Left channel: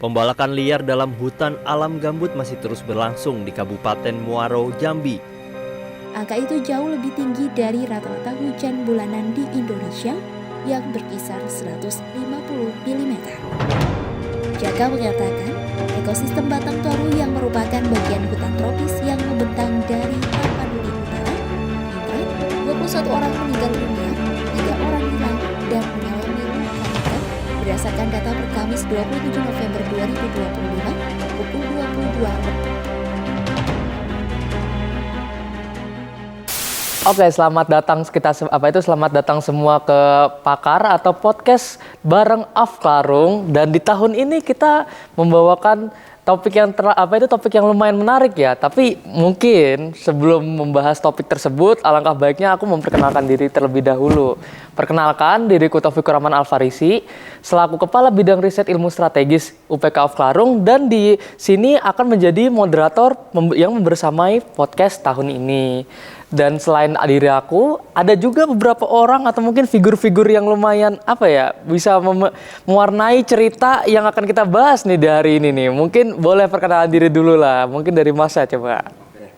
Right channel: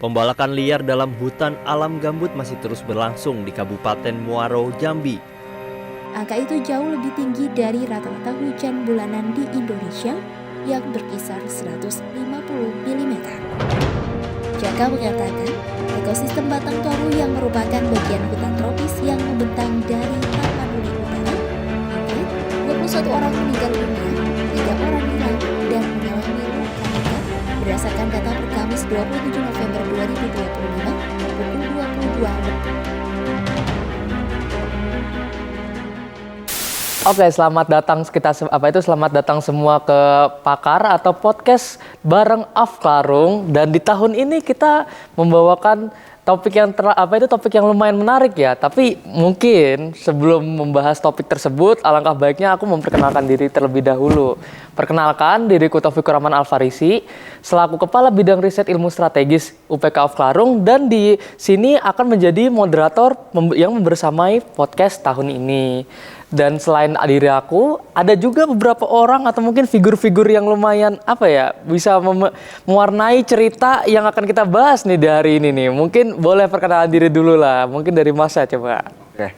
Pembalakan liar dalam hutan alam gambut masih terus berlangsung di Kabupaten Muaro, Jambi. Angka itu jauh lebih tinggi dari rata-rata hujan bulanan di Indonesia yang berkisar 150 mm. Jaka mengatakan, ekosistem Batang Toru yang merupakan bagian hutan tropis yang membentang dari Tapanuli Utara, hingga 21 orang meninggal dunia, 3 orang hilang dan mengalami luka-luka berdasarkan data per Kamis 27 November 2025 pukul 22. Oke, selamat datang semua ke Pakar atau podcast bareng Afklarung. Dan di tahun ini kita membawakan topik yang lumayan menarik ya. Tapi mungkin sebelum membahas topik tersebut, alangkah baiknya aku memperkenalkan diri terlebih dahulu. Perkenalkan, diriku Taufikur Rahman Alfarisi, selaku Kepala Bidang Riset Ilmu Strategis UPK Afklarung, dan di sini akan menjadi moderator yang membersamai podcast tahun ini. Dan selain diri aku, ada juga beberapa orang atau mungkin figur-figur yang lumayan bisa mewarnai cerita yang akan kita bahas nih di hari ini nih. Mungkin boleh perkenalan diri dulu lah, mungkin dari Mas coba. Oke,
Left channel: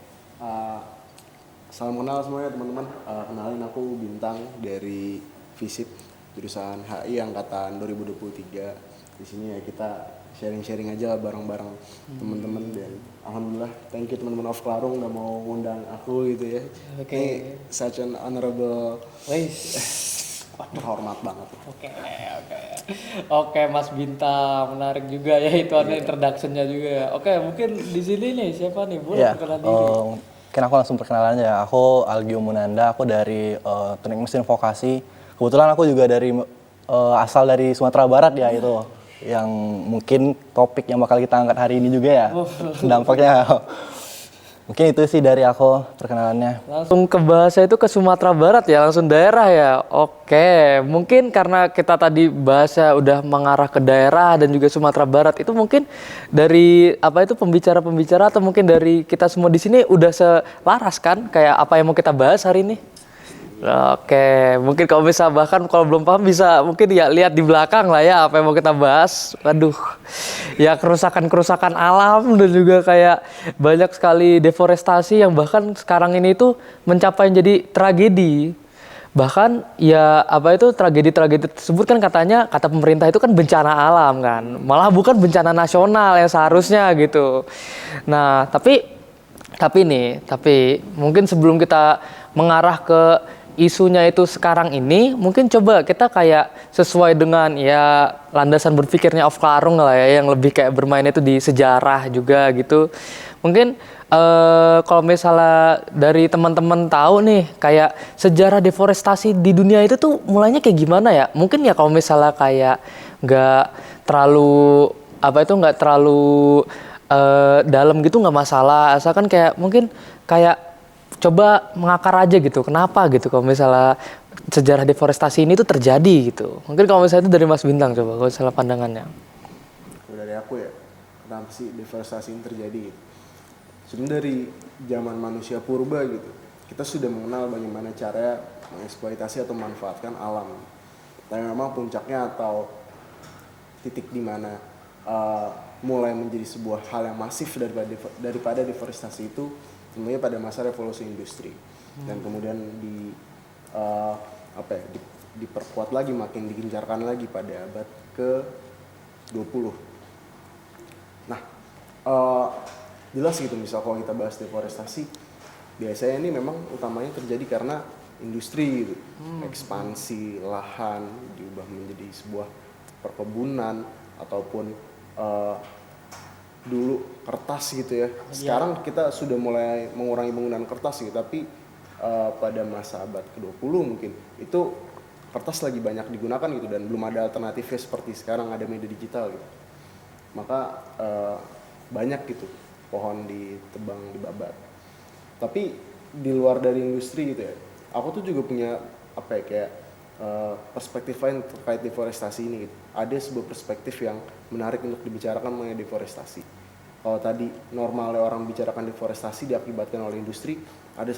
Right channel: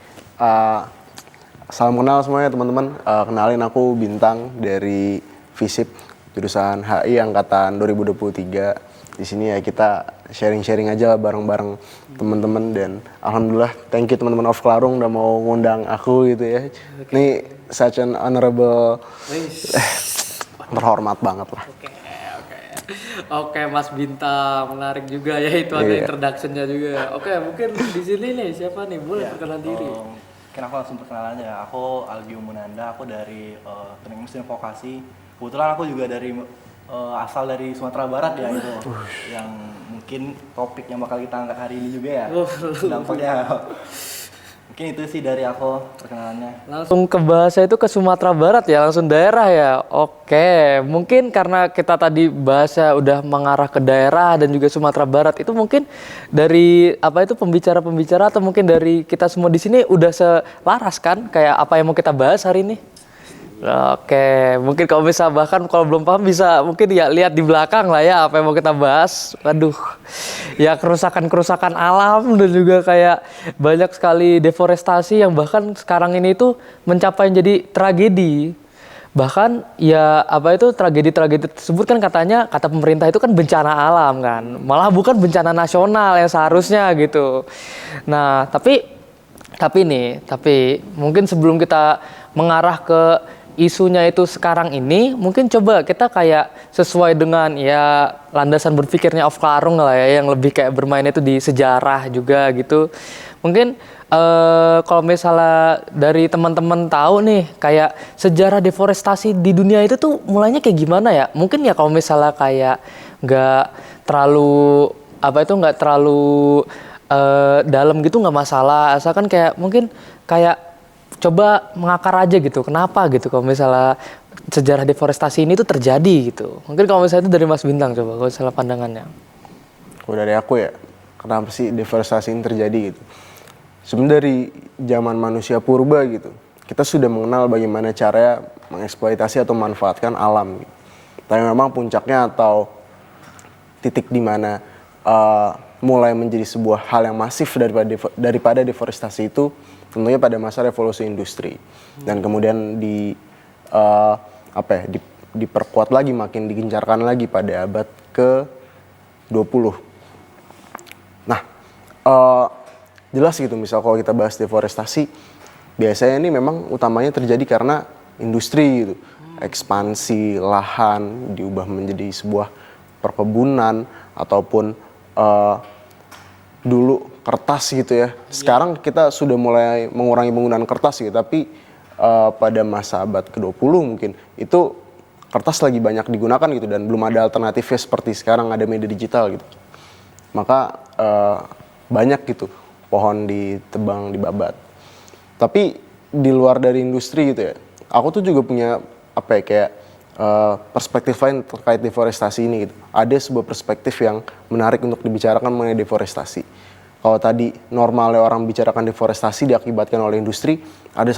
salam kenal semuanya teman-teman. Kenalin, aku Bintang dari FISIP, jurusan HI angkatan 2023. Di sini ya kita sharing-sharing aja bareng-bareng teman-teman, dan alhamdulillah thank you teman-teman Afklarung udah mau ngundang aku gitu ya. Okay. Ini such an honorable, terhormat banget lah. Oke, Mas Bintang, menarik juga ya, itu ada introduction-nya juga. Oke, mungkin di sini nih siapa nih, boleh perkenalan diri? Mungkin aku langsung perkenalan aja. Aku Algio Munanda, aku dari Teknik Mesin Vokasi. Kebetulan aku juga asal dari Sumatera Barat ya, itu yang mungkin topik yang bakal kita angkat hari ini juga ya. Dampaknya mungkin itu sih dari aku perkenalannya. Langsung ke bahasa itu ke Sumatera Barat ya, langsung daerah ya. Oke, mungkin karena kita tadi bahasa udah mengarah ke daerah dan juga Sumatera Barat, itu mungkin dari pembicara-pembicara atau mungkin dari kita semua di sini udah selaras kan kayak apa yang mau kita bahas hari ini. Oke, mungkin kalau belum paham bisa mungkin ya lihat di belakang lah ya apa yang mau kita bahas. Waduh, ya kerusakan alam dan juga kayak banyak sekali deforestasi yang bahkan sekarang ini tuh mencapai jadi tragedi. Bahkan ya tragedi-tragedi tersebut kan kata pemerintah itu kan bencana alam kan, malah bukan bencana nasional yang seharusnya gitu. Nah, tapi mungkin sebelum kita mengarah ke isunya itu sekarang ini, mungkin coba kita kayak sesuai dengan ya landasan berpikirnya Afklarung lah ya, yang lebih kayak bermain itu di sejarah juga gitu. Mungkin kalau misalnya dari teman-teman tahu nih kayak sejarah deforestasi di dunia itu tuh mulainya kayak gimana ya? Mungkin ya kalau misalnya kayak nggak terlalu dalam gitu nggak masalah, asalkan kayak mungkin kayak coba mengakar aja gitu, kenapa gitu kalau misalnya sejarah deforestasi ini tuh terjadi gitu. Mungkin kalau misalnya itu dari Mas Bintang, coba kalau misalnya pandangannya. Kalau dari aku ya, kenapa sih deforestasi ini terjadi gitu. Sebenarnya dari zaman manusia purba gitu, kita sudah mengenal bagaimana cara mengeksploitasi atau memanfaatkan alam gitu. Tapi memang puncaknya atau titik di mana mulai menjadi sebuah hal yang masif daripada deforestasi itu tentunya pada masa revolusi industri, dan kemudian diperkuat lagi, makin digencarkan lagi pada abad ke-20. Nah, jelas gitu, misal kalau kita bahas deforestasi, biasanya ini memang utamanya terjadi karena industri gitu. Ekspansi lahan diubah menjadi sebuah perkebunan ataupun dulu kertas gitu ya. Sekarang kita sudah mulai mengurangi penggunaan kertas gitu, tapi pada masa abad ke-20 mungkin itu kertas lagi banyak digunakan gitu, dan belum ada alternatifnya seperti sekarang ada media digital gitu. Maka banyak gitu pohon ditebang, dibabat. Tapi di luar dari industri gitu ya, aku tuh juga punya perspektif lain terkait deforestasi ini gitu. Ada sebuah perspektif yang menarik untuk dibicarakan mengenai deforestasi. Kalau tadi normalnya orang bicarakan deforestasi diakibatkan oleh industri,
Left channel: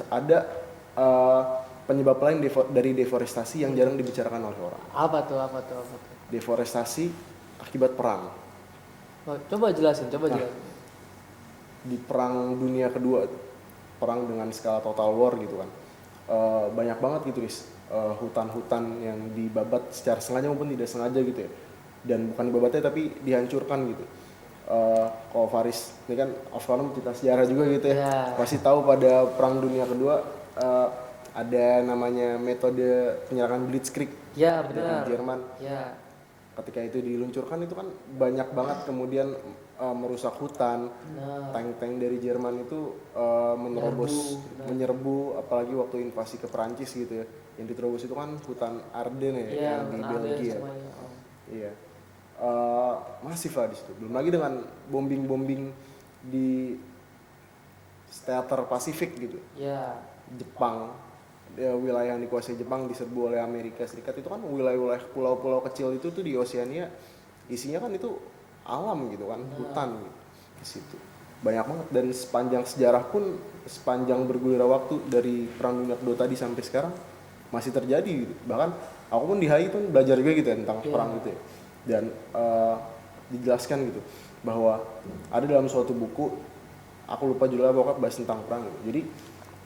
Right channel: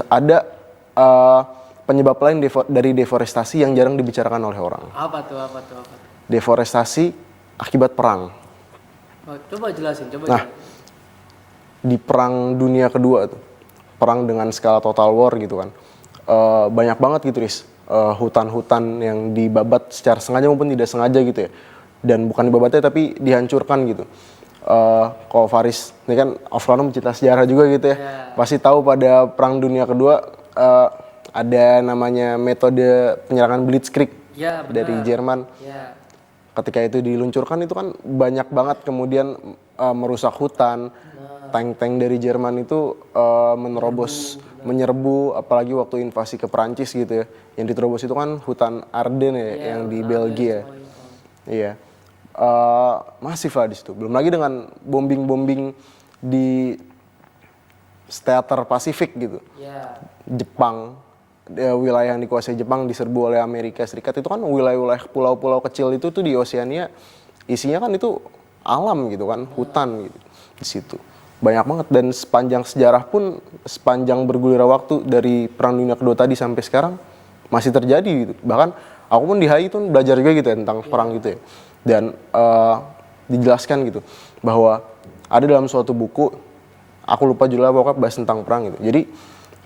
ada penyebab lain dari deforestasi yang jarang dibicarakan oleh orang. Apa tuh? Deforestasi akibat perang. Coba jelasin, Nah, di Perang Dunia Kedua tuh, perang dengan skala total war gitu kan, banyak banget gitu Riz, hutan-hutan yang dibabat secara sengaja maupun tidak sengaja gitu ya, dan bukan dibabatnya tapi dihancurkan gitu. Kalau Faris ini kan off-road pencinta sejarah juga gitu ya, pasti tahu pada Perang Dunia Kedua ada namanya metode penyerangan Blitzkrieg dari Jerman. Ketika itu diluncurkan itu kan banyak banget kemudian merusak hutan. Tank-tank dari Jerman itu menerobos, menyerbu, apalagi waktu invasi ke Perancis gitu ya. Yang diterobos itu kan hutan Ardennes ya, yang di Belgia. Iya. Masif lah di situ. Belum lagi dengan bombing-bombing di teater Pasifik gitu. Jepang, wilayah yang dikuasai Jepang diserbu oleh Amerika Serikat, itu kan wilayah-wilayah pulau-pulau kecil itu tuh di Oseania, isinya kan itu alam gitu kan, hutan gitu di situ. Banyak banget, dan sepanjang sejarah pun, sepanjang bergulirnya waktu dari Perang Dunia Kedua tadi sampai sekarang masih terjadi gitu. Bahkan aku pun di HI tuh belajar juga gitu ya tentang perang gitu ya. Dan dijelaskan gitu bahwa ada dalam suatu buku, aku lupa judulnya, pokoknya bahas tentang perang gitu. Jadi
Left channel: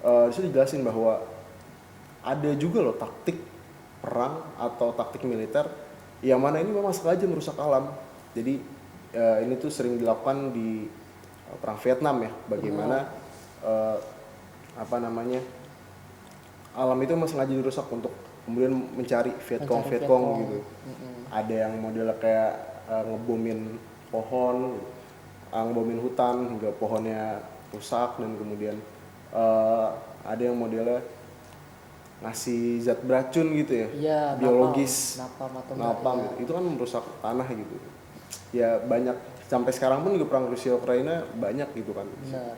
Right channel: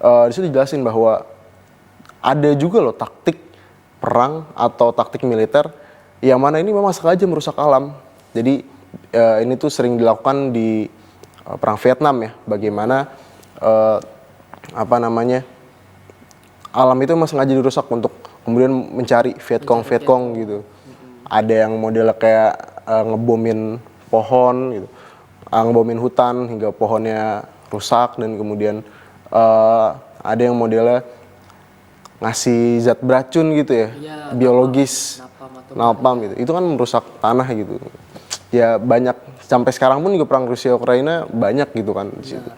di situ dijelasin bahwa ada juga loh taktik perang atau taktik militer yang mana ini memang sengaja merusak alam. Jadi ini tuh sering dilakukan di perang Vietnam ya, bagaimana alam itu memang sengaja dirusak untuk kemudian mencari Vietcong gitu. Ada yang modelnya kayak ngebomin pohon gitu, ngebomin hutan hingga pohonnya rusak, dan kemudian ada yang modelnya ngasih zat beracun gitu ya, biologis, napalm gitu. Itu kan merusak tanah gitu. Ya banyak, sampai sekarang pun juga perang Rusia Ukraina banyak gitu kan di situ.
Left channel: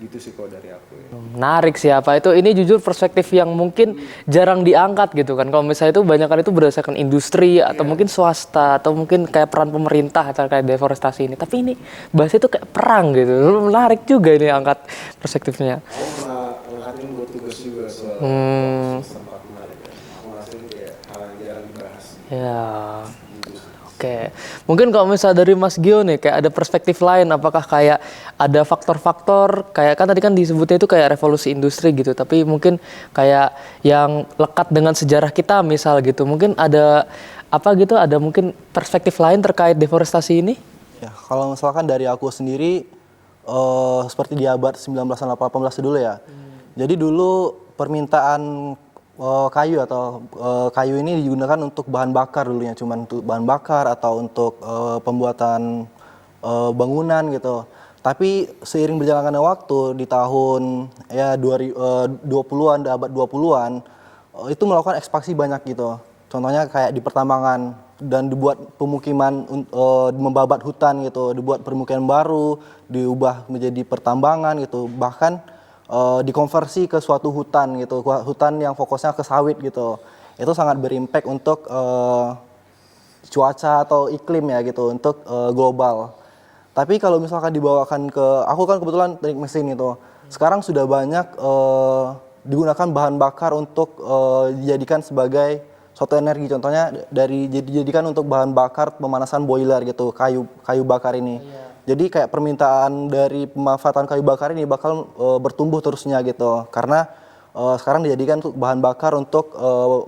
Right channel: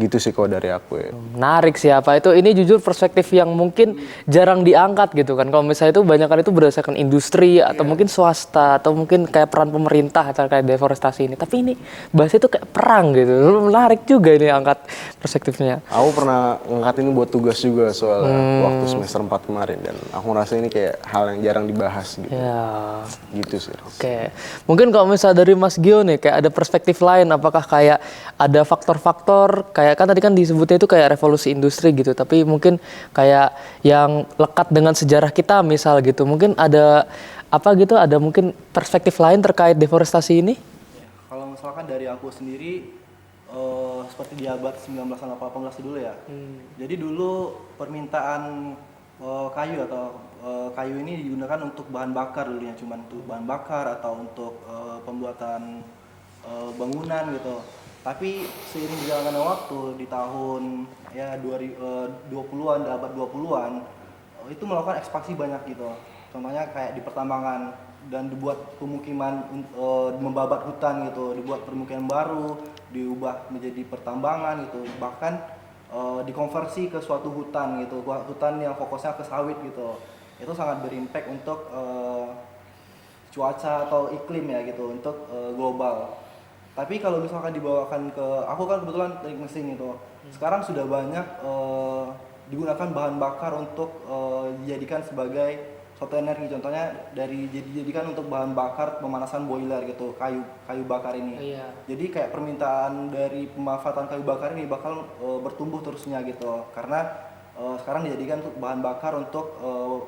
Gitu sih kalau dari aku ya. Menarik sih apa itu. Ini jujur perspektif yang mungkin jarang diangkat gitu kan. Kalau misalnya itu banyak kan itu berdasarkan industri atau mungkin swasta atau mungkin kayak peran pemerintah terkait deforestasi ini. Tapi ini bahasa itu kayak perang gitu. Menarik juga ini angkat perspektifnya. Aku pernah ngangkat ini buat tugas juga soal waktu semester 4 kemarin, dan aku ngerasa ini kayak hal yang jarang dibahas gitu. Ya. Gitu sih. Oke. Mungkin kalau misalnya dari Mas Gio nih kayak ada perspektif lain, apakah kayak ada faktor-faktor kayak kan tadi kan disebutnya itu kayak revolusi industri gitu, tapi mungkin kayak yang lekat dengan sejarah kita misal gitu, mungkin ada apa gitu, ada mungkin perspektif lain terkait deforestasi ini? Ya, kalau misalkan dari aku sendiri, seperti di abad 1918 dulu ya. Jadi dulu permintaan kayu atau kayu ini digunakan untuk bahan bakar dulunya, cuman untuk bahan bakar atau untuk pembuatan bangunan gitu. Tapi seiring berjalannya waktu di tahun ya 20-an, abad 20-an, itu melakukan ekspansi banyak gitu. Contohnya kayak di pertambangan, dan dibuat pemukiman, membabat hutan gitu, dibuat permukiman baru, diubah menjadi pertambangan gitu, bahkan dikonversi ke suatu hutan gitu, hutan yang fokusnya ke sawit gitu. Itu sangat berimpact untuk cuaca atau iklim ya gitu, untuk global. Tapi kalau misalkan dibawakan ke, aku kan kebetulan teknik mesin itu, sekarang sudah banyak digunakan bahan bakar untuk dijadikan sebagai suatu energi. Contohnya dijadikan untuk bahan bakar pemanasan boiler gitu, kayu bakar ini. Jadi kayak permintaan dari pemanfaatan kayu bakar ini bakal bertumbuh terusnya gitu, karena sekarang dijadikan untuk bahan bakar untuk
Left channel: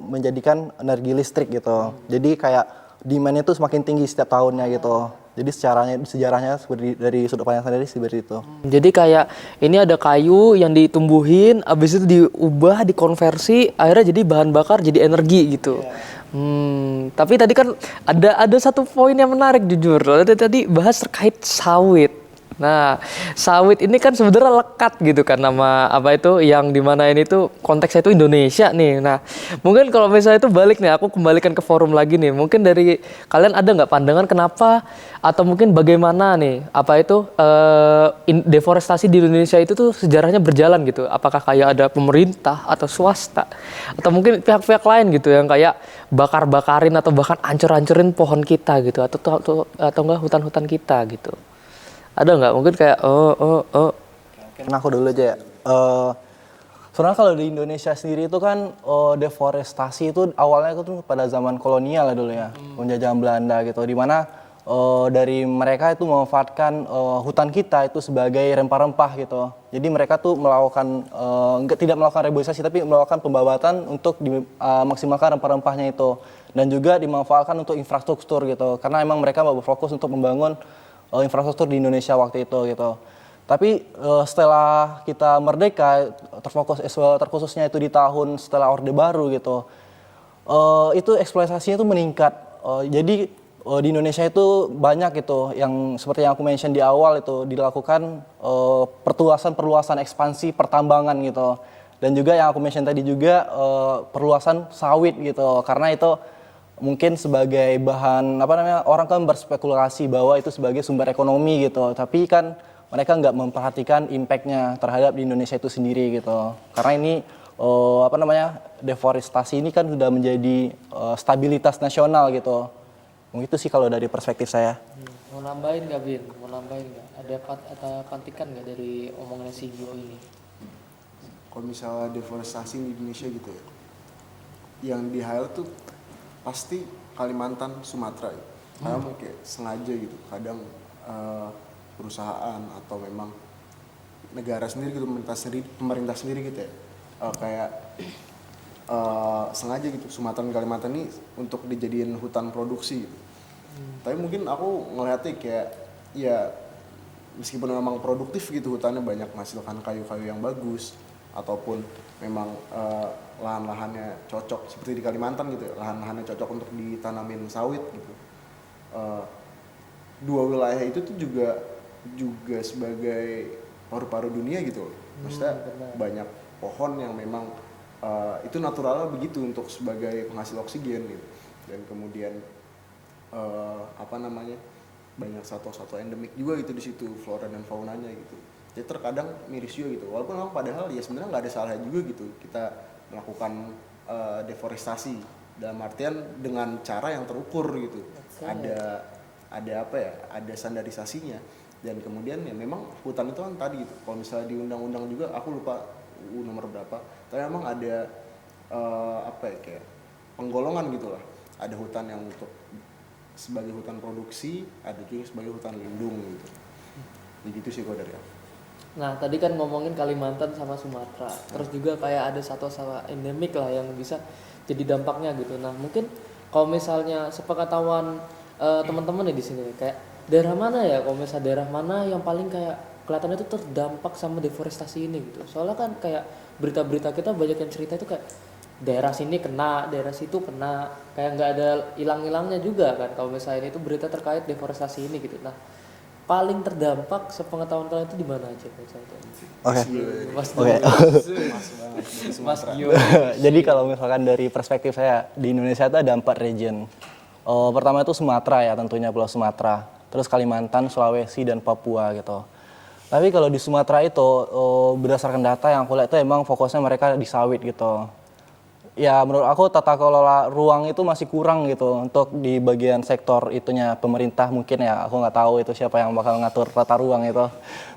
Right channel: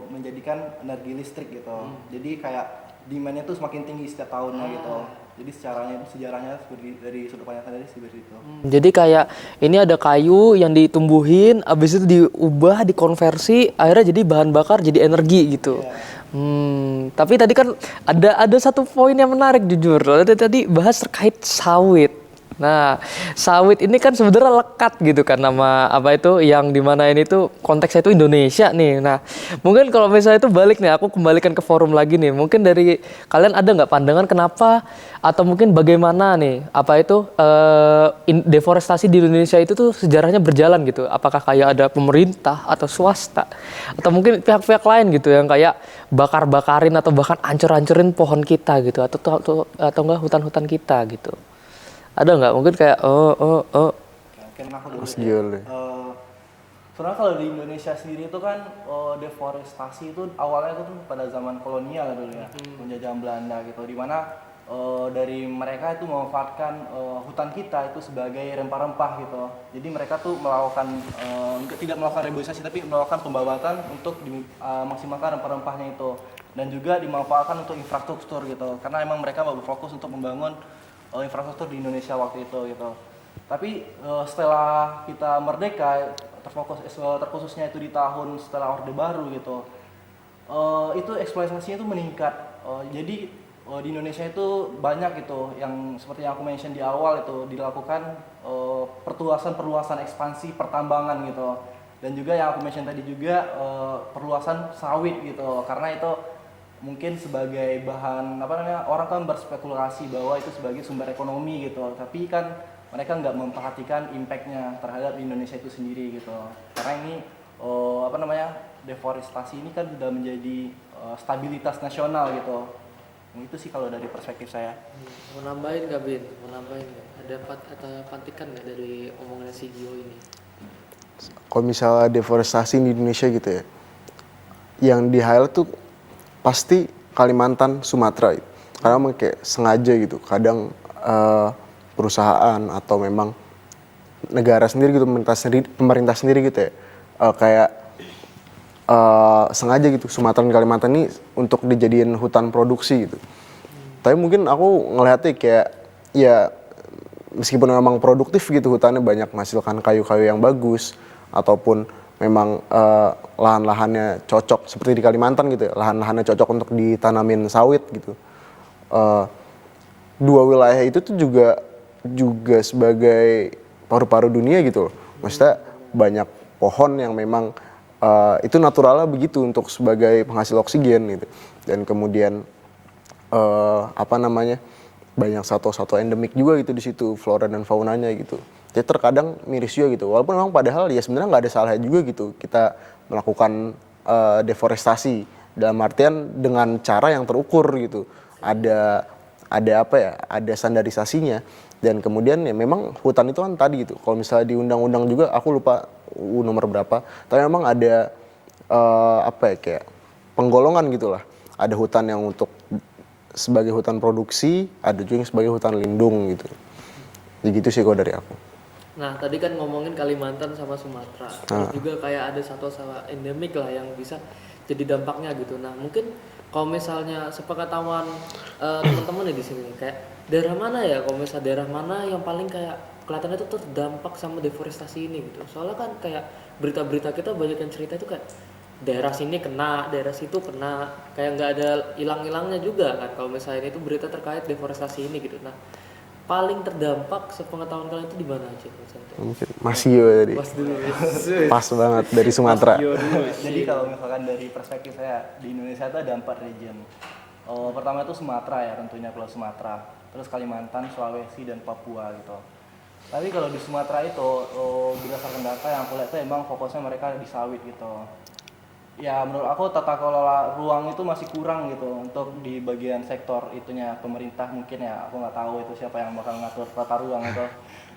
menjadikan energi listrik gitu. Jadi kayak demand-nya tuh semakin tinggi setiap tahunnya gitu. Jadi sejarahnya seperti dari sudut pandang sendiri seperti itu. Jadi kayak ini ada kayu yang ditumbuhin, abis itu diubah, dikonversi, akhirnya jadi bahan bakar, jadi energi gitu. Tapi tadi kan ada satu poin yang menarik jujur. Tadi bahas terkait sawit. Nah, sawit ini kan sebenarnya lekat gitu kan nama apa itu yang dimana ini tuh konteksnya itu Indonesia nih. Nah, mungkin kalau misalnya itu balik nih, aku kembalikan ke forum lagi nih. Mungkin dari kalian ada nggak pandangan kenapa atau mungkin bagaimana nih apa itu deforestasi di Indonesia itu tuh sejarahnya berjalan gitu? Apakah kayak ada pemerintah atau swasta atau mungkin pihak-pihak lain gitu yang kayak bakar-bakarin atau bahkan hancur-hancurin pohon kita gitu atau enggak hutan-hutan kita gitu? Ada nggak mungkin kayak Mungkin aku dulu aja ya. Sebenarnya kalau di Indonesia sendiri itu kan deforestasi itu awalnya itu tuh pada zaman kolonial ya dulu ya, penjajahan Belanda gitu, di mana dari mereka itu memanfaatkan hutan kita itu sebagai rempah-rempah gitu. Jadi mereka tuh melakukan tidak melakukan reboisasi tapi melakukan pembabatan untuk dimaksimalkan rempah-rempahnya itu, dan juga dimanfaatkan untuk infrastruktur gitu. Karena emang mereka mau berfokus untuk membangun infrastruktur di Indonesia waktu itu gitu. Tapi setelah kita merdeka, terkhususnya itu di tahun setelah Orde Baru gitu, itu eksploitasinya itu meningkat. Jadi di Indonesia itu banyak gitu yang seperti yang aku mention di awal itu dilakukan perluasan ekspansi pertambangan gitu. Dan juga yang aku mention tadi juga perluasan sawit gitu. Karena itu mungkin sebagai bahan orang kan berspekulasi bahwa itu sebagai sumber ekonomi gitu. Tapi kan mereka nggak memperhatikan impact-nya terhadap di Indonesia itu sendiri gitu. Karena ini deforestasi ini kan sudah menjadi stabilitas nasional gitu. Itu sih kalau dari perspektif saya. Mau nambahin nggak Bin? Mau nambahin nggak? Ada patikan nggak dari omongannya si Gio ini? Kalau misalnya deforestasi di Indonesia gitu ya, yang di highlight tuh pasti Kalimantan, Sumatera. Karena memang kayak sengaja gitu. Kadang perusahaan atau memang negara sendiri gitu, pemerintah sendiri gitu ya, sengaja gitu Sumatera dan Kalimantan ini untuk dijadiin hutan produksi gitu. Tapi mungkin aku ngelihatnya kayak ya meskipun memang produktif gitu hutannya banyak menghasilkan kayu-kayu yang bagus ataupun memang lahan-lahannya cocok seperti di Kalimantan gitu ya, lahan-lahannya cocok untuk ditanamin sawit gitu. Dua wilayah itu tuh juga sebagai paru-paru dunia gitu loh. Maksudnya banyak pohon yang memang itu naturalnya begitu untuk sebagai penghasil oksigen gitu. Dan kemudian banyak satwa-satwa endemik juga gitu di situ, flora dan faunanya gitu. Jadi terkadang miris juga gitu. Walaupun memang padahal ya sebenarnya nggak ada salahnya juga gitu kita melakukan deforestasi dalam artian dengan cara yang terukur gitu. Ada standarisasinya. Dan kemudian ya memang hutan itu kan tadi gitu. Kalau misalnya di undang-undang juga aku lupa nomor berapa. Tapi memang ada kayak penggolongan gitulah. Ada hutan yang untuk sebagai hutan produksi, ada juga yang sebagai hutan lindung gitu. Jadi gitu sih kalau dari aku. Nah tadi kan ngomongin Kalimantan sama Sumatera, terus juga kayak ada satwa-satwa endemik lah yang bisa jadi dampaknya gitu. Nah mungkin kalau misalnya sepengetahuan teman-teman ya di sini kayak daerah mana ya, kalau misalnya daerah mana yang paling kayak kelihatannya itu terdampak sama deforestasi ini gitu. Soalnya kan kayak berita-berita kita banyak yang cerita itu kayak daerah sini kena, daerah situ kena, kayak nggak ada hilang-hilangnya juga kan kalau misalnya itu berita terkait deforestasi ini gitu. Nah paling terdampak sepengetahuan kalian itu di mana aja misalnya? Mas Gio tadi. Pas banget dari Sumatera. Jadi kalau misalkan dari perspektif saya di Indonesia itu ada 4 region. Pertama itu Sumatera ya, tentunya Pulau Sumatera. Terus Kalimantan, Sulawesi dan Papua gitu. Tapi kalau di Sumatera itu berdasarkan data yang aku lihat itu emang fokusnya mereka di sawit gitu. Ya menurut aku tata kelola ruang itu masih kurang gitu untuk di bagian sektor itunya pemerintah mungkin ya, aku nggak tahu itu siapa yang bakal ngatur tata ruang itu.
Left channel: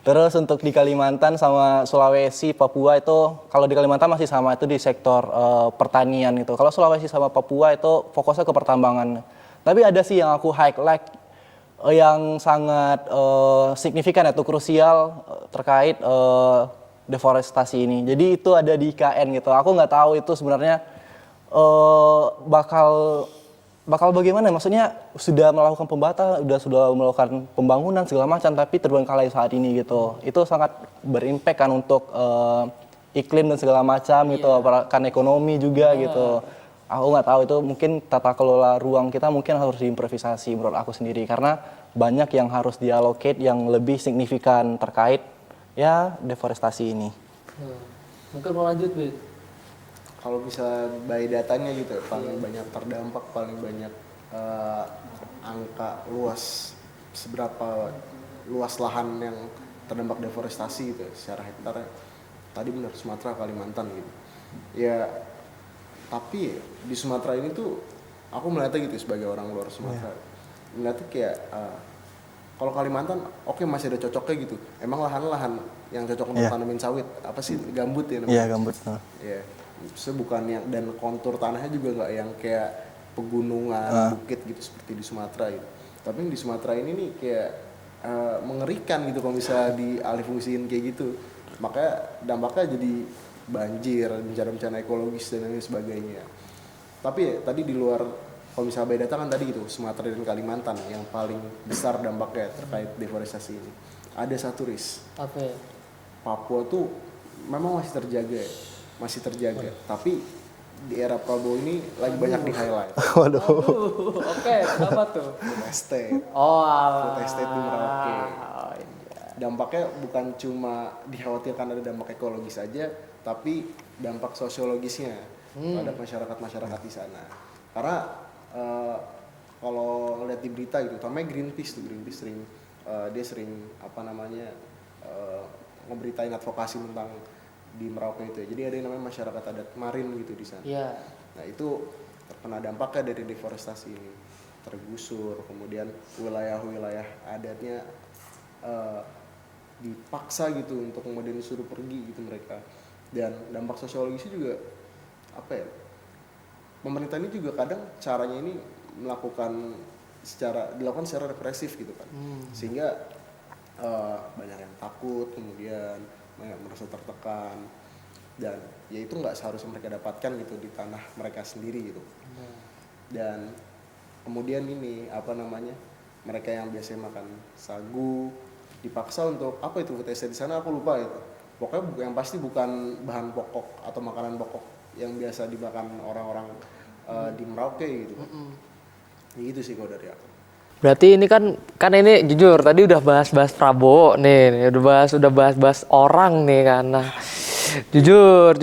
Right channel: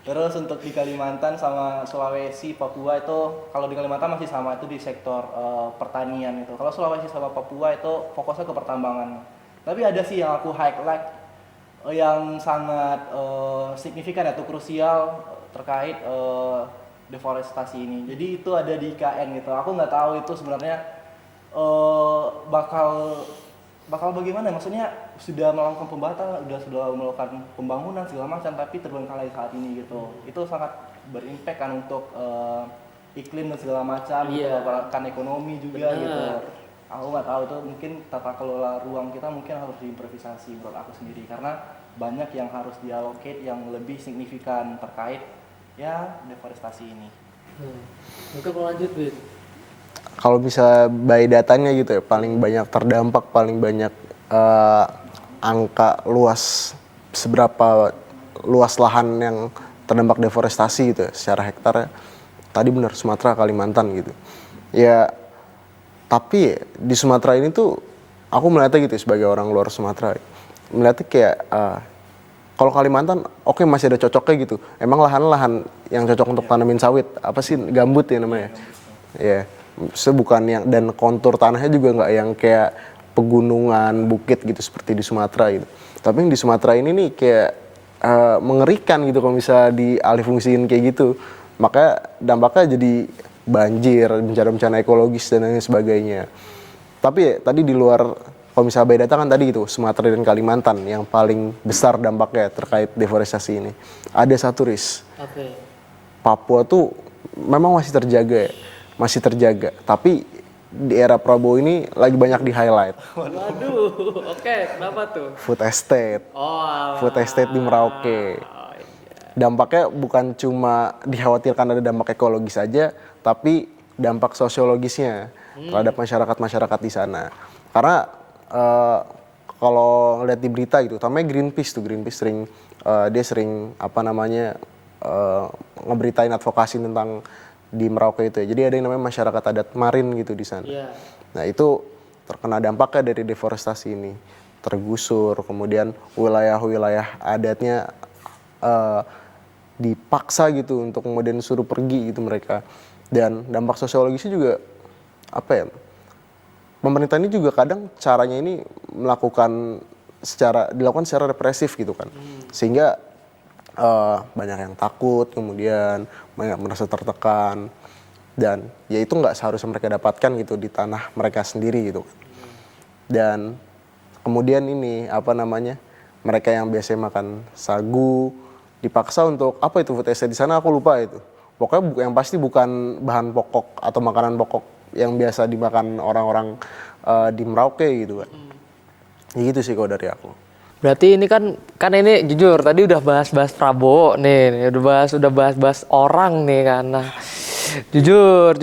Terus untuk di Kalimantan sama Sulawesi, Papua itu kalau di Kalimantan masih sama itu di sektor pertanian gitu. Kalau Sulawesi sama Papua itu fokusnya ke pertambangan. Tapi ada sih yang aku highlight yang sangat signifikan atau krusial terkait deforestasi ini. Jadi itu ada di IKN gitu. Aku nggak tahu itu sebenarnya bakal bagaimana. Maksudnya sudah melakukan sudah melakukan pembangunan segala macam, tapi terbengkalai saat ini gitu. Itu sangat berimpact kan untuk iklim dan segala macam gitu, kan ekonomi juga gitu. Aku nggak tahu itu mungkin tata kelola ruang kita mungkin harus diimprovisasi menurut aku sendiri karena banyak yang harus diallocate yang lebih signifikan terkait ya deforestasi ini. Mungkin mau lanjut, Bit. Kalau bisa by datanya gitu ya, paling banyak terdampak, paling banyak angka luas, seberapa luas lahan yang terdampak deforestasi gitu ya, secara hektar. Tadi benar Sumatera, Kalimantan gitu. Ya, tapi di Sumatera ini tuh aku melihatnya gitu sebagai orang luar Sumatera. Melihatnya kayak kalau Kalimantan, oke masih ada cocoknya gitu. Emang lahan-lahan yang cocok untuk tanamin sawit, apa sih gambut ya namanya? Iya, gambut. Iya, bukan yang dan kontur tanahnya juga nggak yang kayak pegunungan, bukit gitu seperti di Sumatera gitu. Tapi yang di Sumatera ini nih kayak mengerikan gitu kalau bisa dialihfungsiin kayak gitu. Maka dampaknya jadi banjir, bencana-bencana ekologis dan lain sebagainya. Tapi ya, tadi di luar, kalau misalnya by data kan tadi gitu, Sumatera dan Kalimantan yang paling besar dampaknya terkait deforestasi ini. Ada satu Papua tuh memang masih terjaga ya, masih terjaga. Tapi di era Prabowo ini lagi banyak di highlight. Oke, kenapa tuh? Food estate. Oh, Food estate di Merauke. Dampaknya bukan cuma dikhawatirkan ada dampak ekologis saja, tapi dampak sosiologisnya terhadap masyarakat-masyarakat di sana. Karena kalau ngeliat di berita gitu, namanya Greenpeace sering dia sering ngeberitain advokasi tentang di Merauke itu ya. Jadi ada yang namanya masyarakat adat Marin gitu di sana. Nah itu terkena dampaknya dari deforestasi ini, tergusur, kemudian wilayah-wilayah adatnya dipaksa gitu untuk kemudian suruh pergi gitu mereka. Dan dampak sosiologisnya juga pemerintah ini juga kadang caranya ini dilakukan secara represif gitu kan, sehingga banyak yang takut, kemudian banyak merasa tertekan, dan ya itu nggak seharusnya mereka dapatkan gitu di tanah mereka sendiri gitu. Dan kemudian ini mereka yang biasanya makan sagu dipaksa untuk food estate di sana, aku lupa itu. Pokoknya yang pasti bukan bahan pokok atau makanan pokok yang biasa dimakan orang-orang di Merauke gitu kan. Ya gitu sih kalau dari aku. berarti ini kan ini jujur tadi udah bahas-bahas Prabowo nih, udah bahas orang nih kan. Nah, jujur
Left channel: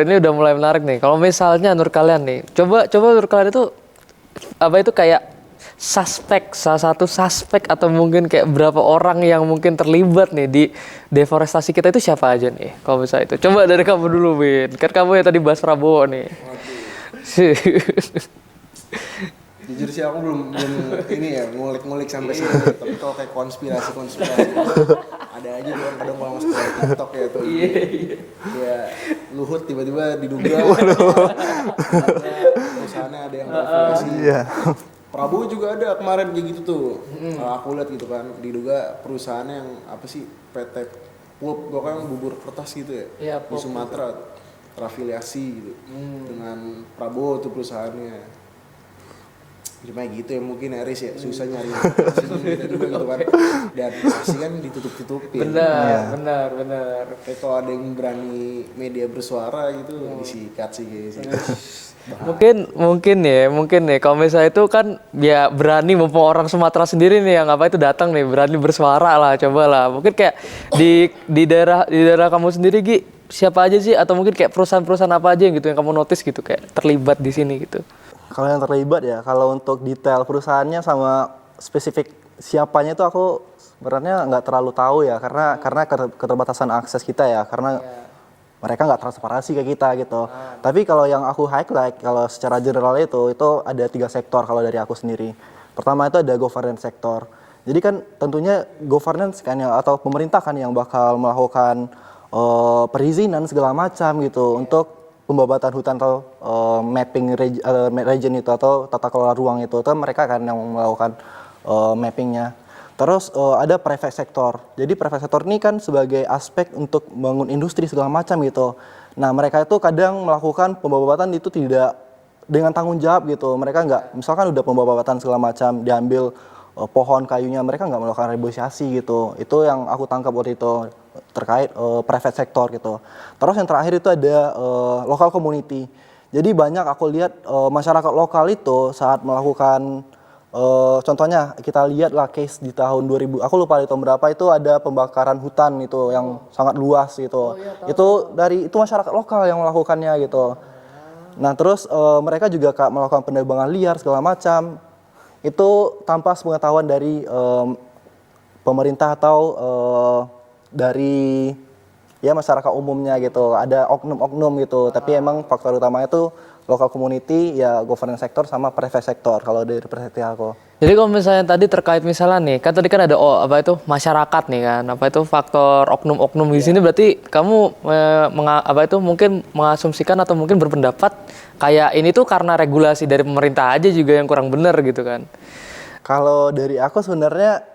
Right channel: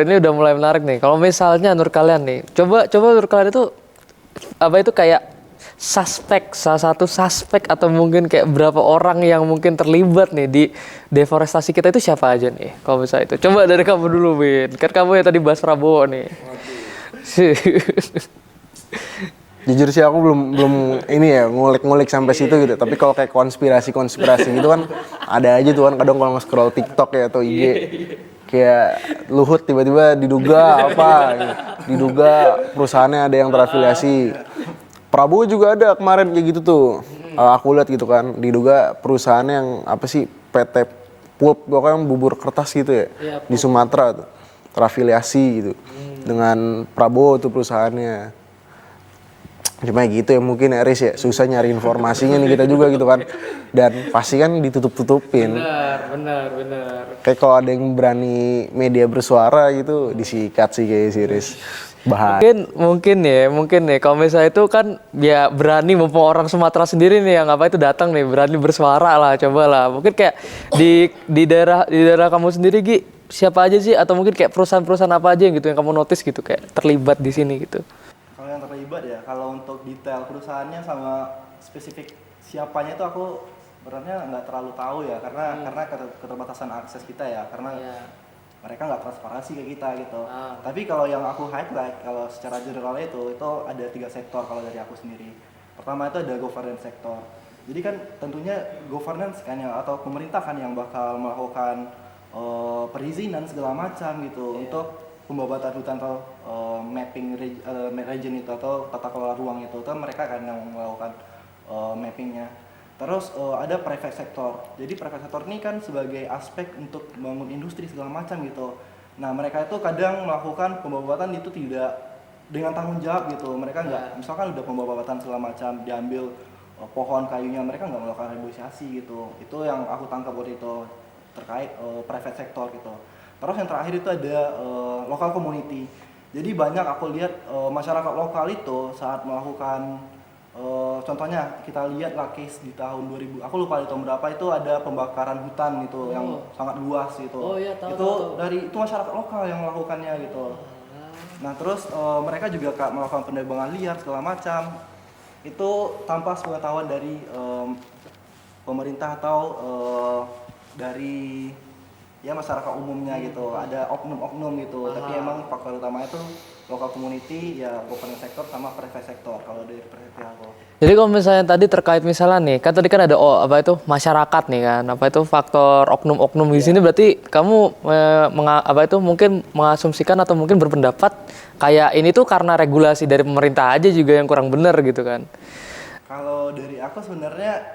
ini udah mulai menarik nih. Kalau misalnya menurut kalian nih, coba menurut kalian itu kayak salah satu suspek atau mungkin kayak berapa orang yang mungkin terlibat nih di deforestasi kita itu siapa aja nih? Kalau misalnya itu, coba dari kamu dulu, Bin. Kan kamu yang tadi bahas Prabowo nih. Jujur sih aku belum ini ya ngulik sampai situ gitu. Tapi kalau kayak konspirasi gitu kan ada aja tuh kan kadang kalau scroll TikTok ya atau IG kayak Luhut tiba-tiba diduga diduga perusahaannya ada yang terafiliasi. Prabowo juga ada kemarin kayak gitu tuh. Aku lihat gitu kan diduga perusahaannya yang PT Pulp pokoknya bubur kertas gitu ya di Sumatera tuh terafiliasi gitu dengan Prabowo tuh perusahaannya. Cuma gitu ya mungkin Eris ya susah nyari informasinya nih kita juga gitu kan, dan pasti kan ditutup-tutupin. Benar. Kayak kalau ada yang berani media bersuara gitu disikat sih kayak Iris. Bahaya. Mungkin nih kalau misalnya itu kan ya berani mumpung orang Sumatera sendiri nih yang datang nih berani bersuara lah, cobalah. Mungkin kayak di daerah kamu sendiri Gi, siapa aja sih atau mungkin kayak perusahaan-perusahaan apa aja yang gitu yang kamu notice gitu kayak terlibat di sini gitu. Kalau yang terlibat ya, kalau untuk detail perusahaannya sama spesifik siapanya itu aku sebenarnya nggak terlalu tahu ya, karena keterbatasan akses kita ya, karena mereka nggak transparansi ke kita gitu. Tapi kalau yang aku highlight, kalau secara general itu ada 3 sektor kalau dari aku sendiri. Pertama itu ada governance sektor. Jadi kan tentunya governance kan atau pemerintah kan yang bakal melakukan perizinan segala macam gitu untuk pembabatan hutan atau mapping region itu atau tata kelola ruang itu mereka kan yang melakukan mappingnya. Terus ada private sector. Jadi private sector ini kan sebagai aspek untuk membangun industri segala macam gitu. Nah mereka itu kadang melakukan pembabatan itu tidak dengan tanggung jawab gitu. Mereka nggak, misalkan udah pembabatan segala macam diambil pohon kayunya, mereka nggak melakukan reboisasi gitu. Itu yang aku tangkap waktu itu terkait private sector gitu. Terus yang terakhir itu ada local community. Jadi banyak aku lihat masyarakat lokal itu saat melakukan contohnya kita lihat lah case di tahun 2000, aku lupa di tahun berapa itu ada pembakaran hutan itu yang sangat luas gitu. Itu masyarakat lokal yang melakukannya gitu. Nah terus mereka juga melakukan penerbangan liar segala macam. Itu tanpa sepengetahuan dari pemerintah atau dari masyarakat umumnya gitu, ada oknum-oknum gitu. Tapi emang faktor utamanya itu local community, ya governance sector sama private sector kalau dari perspektif aku. Jadi kalau misalnya tadi terkait misalnya nih, kan tadi kan ada masyarakat nih kan, faktor oknum-oknum di sini berarti kamu mungkin mengasumsikan atau mungkin berpendapat kayak ini tuh karena regulasi dari pemerintah aja juga yang kurang benar gitu kan. Kalau dari aku sebenarnya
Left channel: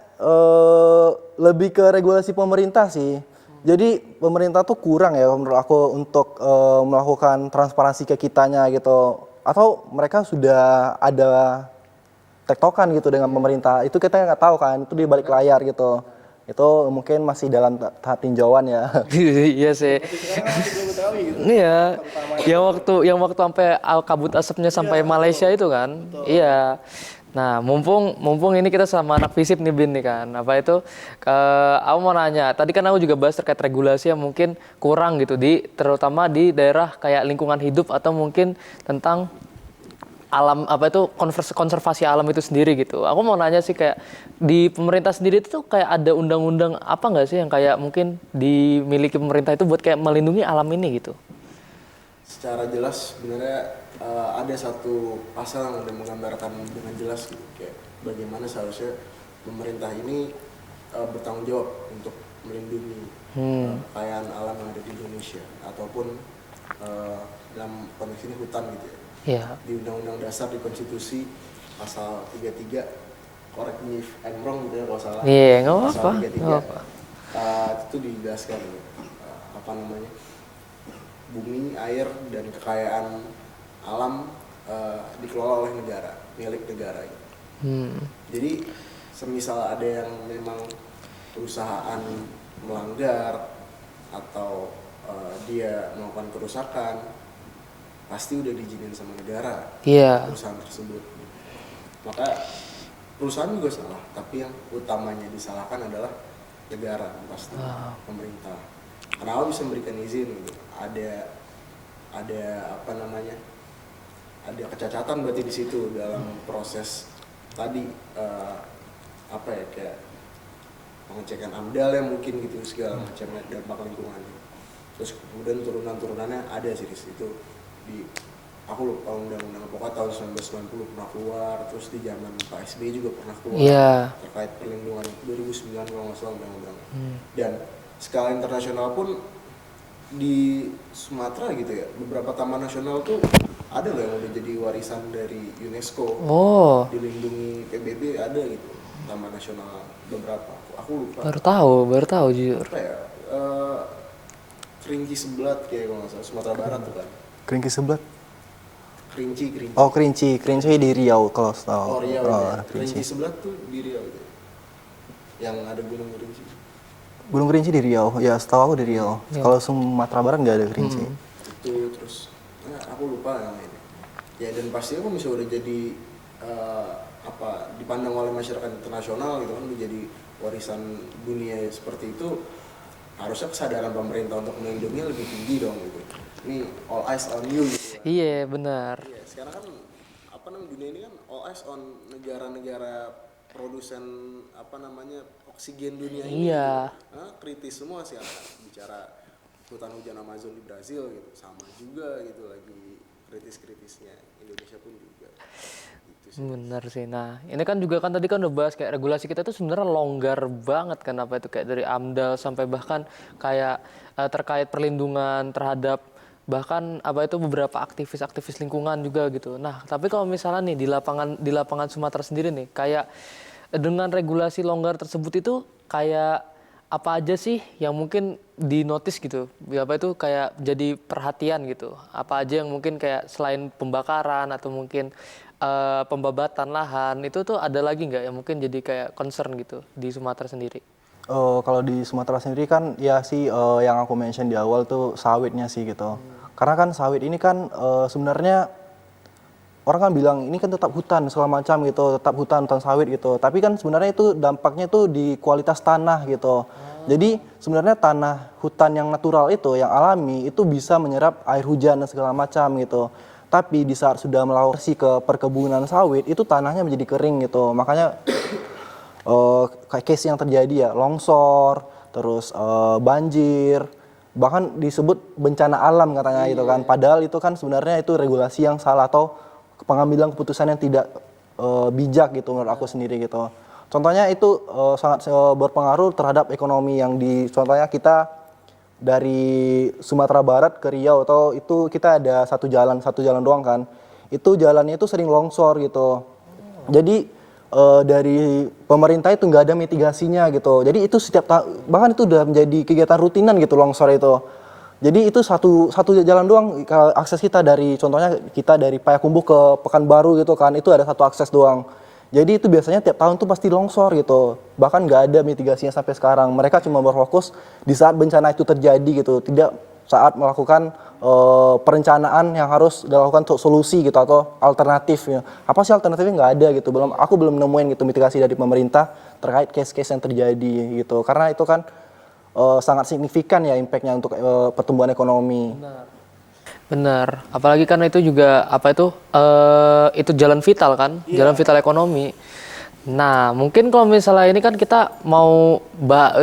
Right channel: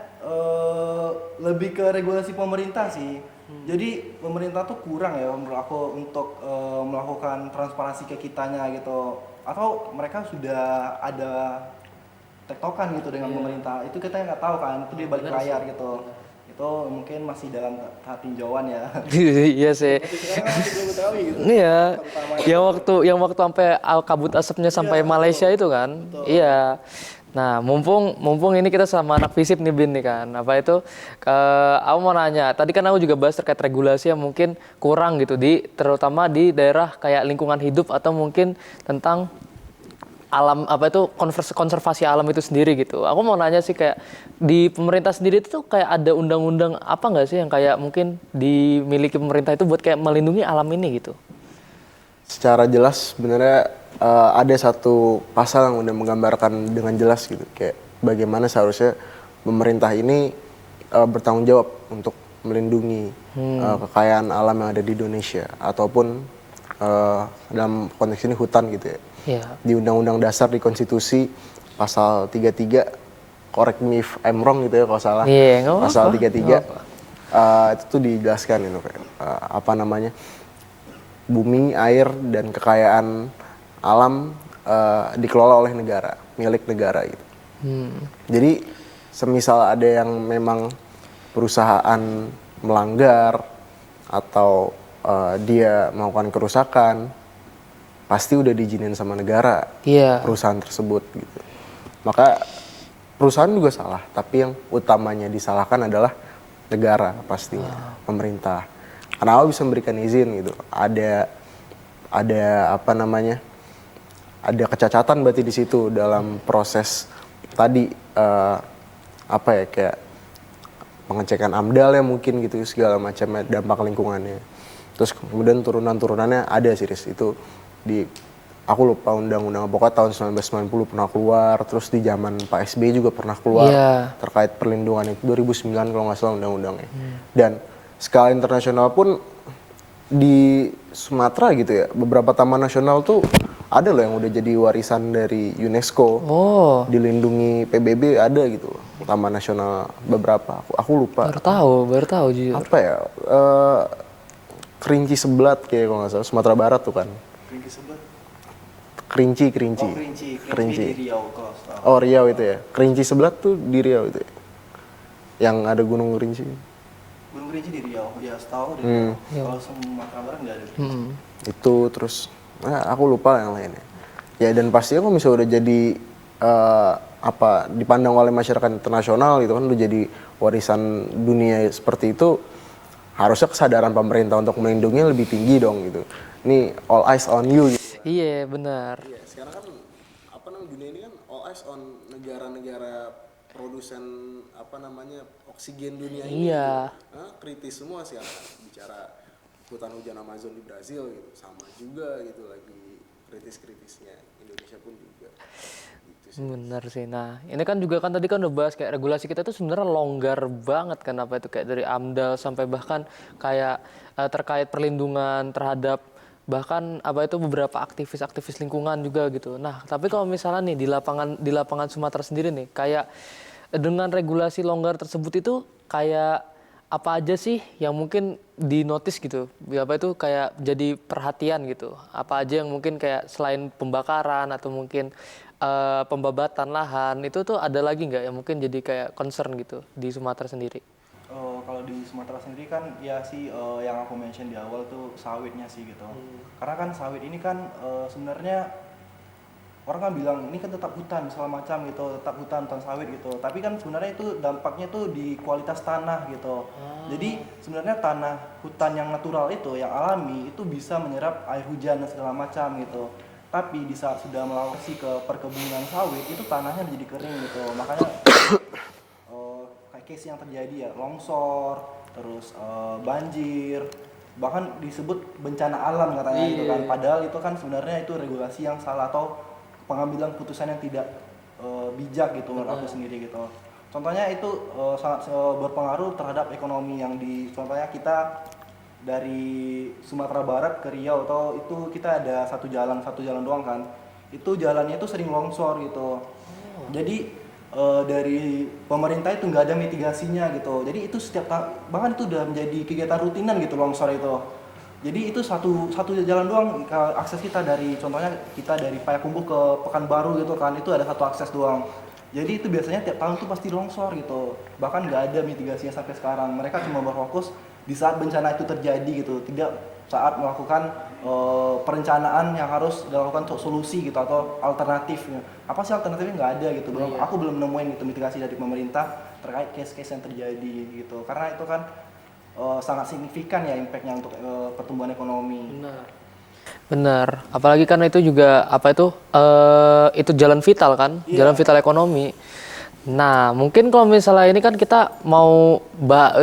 lebih ke regulasi pemerintah sih. Jadi pemerintah tuh kurang ya menurut aku untuk melakukan transparansi ke kitanya gitu. Atau mereka sudah ada tektokan gitu dengan pemerintah. Itu kita nggak tahu kan, itu di balik layar gitu. Itu mungkin masih dalam tahap tinjauan ya. Iya sih. Sekarang masih belum ketahui gitu. Iya. Yang waktu sampai kabut asapnya sampai Malaysia itu kan. Iya. Nah, mumpung ini kita sama anak FISIP nih Bin nih kan. Apa itu aku mau nanya. Tadi kan aku juga bahas terkait regulasi yang mungkin kurang gitu terutama di daerah kayak lingkungan hidup atau mungkin tentang alam apa itu konservasi alam itu sendiri gitu. Aku mau nanya sih kayak di pemerintah sendiri itu tuh kayak ada undang-undang apa nggak sih yang kayak mungkin dimiliki pemerintah itu buat kayak melindungi alam ini gitu? Secara jelas sebenarnya ada satu pasal yang udah menggambarkan dengan jelas gitu, kayak bagaimana seharusnya pemerintah ini bertanggung jawab untuk melindungi kekayaan alam yang ada di Indonesia ataupun dalam konteks ini hutan gitu ya. Iya. Di Undang-Undang Dasar di Konstitusi pasal 33, correct me if I'm wrong gitu ya kalau salah. Iya, nggak Pasal apa-apa. 33 itu tuh dijelaskan gitu kayak apa namanya? Bumi, air dan kekayaan alam dikelola oleh negara, milik negara gitu. Jadi semisal ada yang memang perusahaan melanggar atau dia melakukan kerusakan, pasti udah diizinin sama negara Iya. perusahaan tersebut gitu. Maka perusahaan juga salah, tapi yang utamanya disalahkan adalah negara pasti, pemerintah. Kenapa bisa memberikan izin gitu? Ada apa namanya? Ada kecacatan berarti di situ dalam proses tadi apa ya kayak pengecekan AMDAL ya mungkin gitu segala macam dampak lingkungannya. Terus kemudian turunan-turunannya ada sih itu di aku lupa undang-undang pokoknya tahun 1990 pernah keluar, terus di zaman Pak SBY juga pernah keluar terkait perlindungan itu 2009 kalau nggak salah undang-undangnya. Dan skala internasional pun di Sumatera gitu ya, beberapa taman nasional tuh ada loh yang udah jadi warisan dari UNESCO. Oh. Dilindungi PBB ada gitu, taman nasional beberapa. Aku lupa. Baru tahu jujur. Apa ya? Kerinci Seblat kayak kalau nggak salah, Sumatera Barat tuh kan. Kerinci sebelah. Kerinci. Oh, Kerinci di Riau kalau tahu. Oh, Riau itu ya. Kerinci Seblat tuh di Riau itu ya. Yang ada Gunung Kerinci. Gunung Kerinci di Riau. Ya, setahu aku di Riau. Kalau Sumatera Barat nggak ada Kerinci. Itu terus aku lupa yang lainnya. Ya dan pastinya kalau misalnya udah jadi dipandang oleh masyarakat internasional gitu kan udah jadi warisan dunia seperti itu, harusnya kesadaran pemerintah untuk melindungi lebih tinggi dong gitu. Ini all eyes on you gitu. Iya, benar. Iya, sekarang kan apa namanya dunia ini kan all eyes on negara-negara produsen oksigen dunia ini. Iya. Gitu. Kritis semua sih bicara hutan hujan Amazon di Brazil gitu, sama juga gitu lagi kritis-kritisnya. Indonesia pun juga gitu sih. Bener sih. Nah, ini kan juga kan tadi kan udah bahas kayak regulasi kita tuh sebenarnya longgar banget kan, apa itu kayak dari AMDAL sampai bahkan kayak terkait perlindungan terhadap bahkan apa itu beberapa aktivis-aktivis lingkungan juga gitu. Nah, tapi kalau misalnya nih di lapangan Sumatera sendiri nih kayak dengan regulasi longgar tersebut itu kayak apa aja sih yang mungkin di notice gitu, apa itu kayak jadi perhatian gitu, apa aja yang mungkin kayak selain pembakaran atau mungkin pembabatan lahan itu tuh ada lagi nggak yang mungkin jadi kayak concern gitu di Sumatera sendiri? Kalau di Sumatera sendiri kan ya sih yang aku mention di awal tuh sawitnya sih gitu. Karena kan sawit ini kan sebenarnya orang kan bilang ini kan tetap hutan segala macam gitu, tetap hutan sawit gitu. Tapi kan sebenarnya itu dampaknya tuh di kualitas tanah gitu. Jadi sebenarnya tanah hutan yang natural itu, yang alami itu bisa menyerap air hujan dan segala macam gitu. Tapi di saat sudah melakukan ke perkebunan sawit itu tanahnya menjadi kering gitu. Makanya kayak case yang terjadi ya longsor, terus banjir, bahkan disebut bencana alam katanya gitu kan. Padahal itu kan sebenarnya itu regulasi yang salah atau pengambilan keputusan yang tidak bijak gitu menurut aku sendiri gitu. Contohnya itu sangat berpengaruh terhadap ekonomi yang contohnya kita dari Sumatera Barat ke Riau atau itu kita ada satu jalan doang kan. Itu jalannya itu sering longsor gitu. Jadi dari pemerintah itu nggak ada mitigasinya gitu. Jadi itu bahkan itu udah menjadi kegiatan rutinan gitu longsor itu. Jadi itu satu jalan doang akses kita dari, contohnya kita dari Payakumbuh ke Pekanbaru gitu kan, itu ada satu akses doang. Jadi itu biasanya tiap tahun tuh pasti longsor gitu. Bahkan nggak ada mitigasinya sampai sekarang. Mereka cuma berfokus di saat bencana itu terjadi gitu, tidak saat melakukan perencanaan yang harus dilakukan solusi gitu atau alternatifnya. Apa sih alternatifnya? Nggak ada gitu. Aku belum nemuin gitu mitigasi dari pemerintah terkait case-case yang terjadi gitu. Karena itu kan sangat signifikan ya impactnya untuk pertumbuhan ekonomi. Benar, apalagi karena itu juga itu jalan vital kan, jalan vital ekonomi. Nah, mungkin kalau misalnya ini kan kita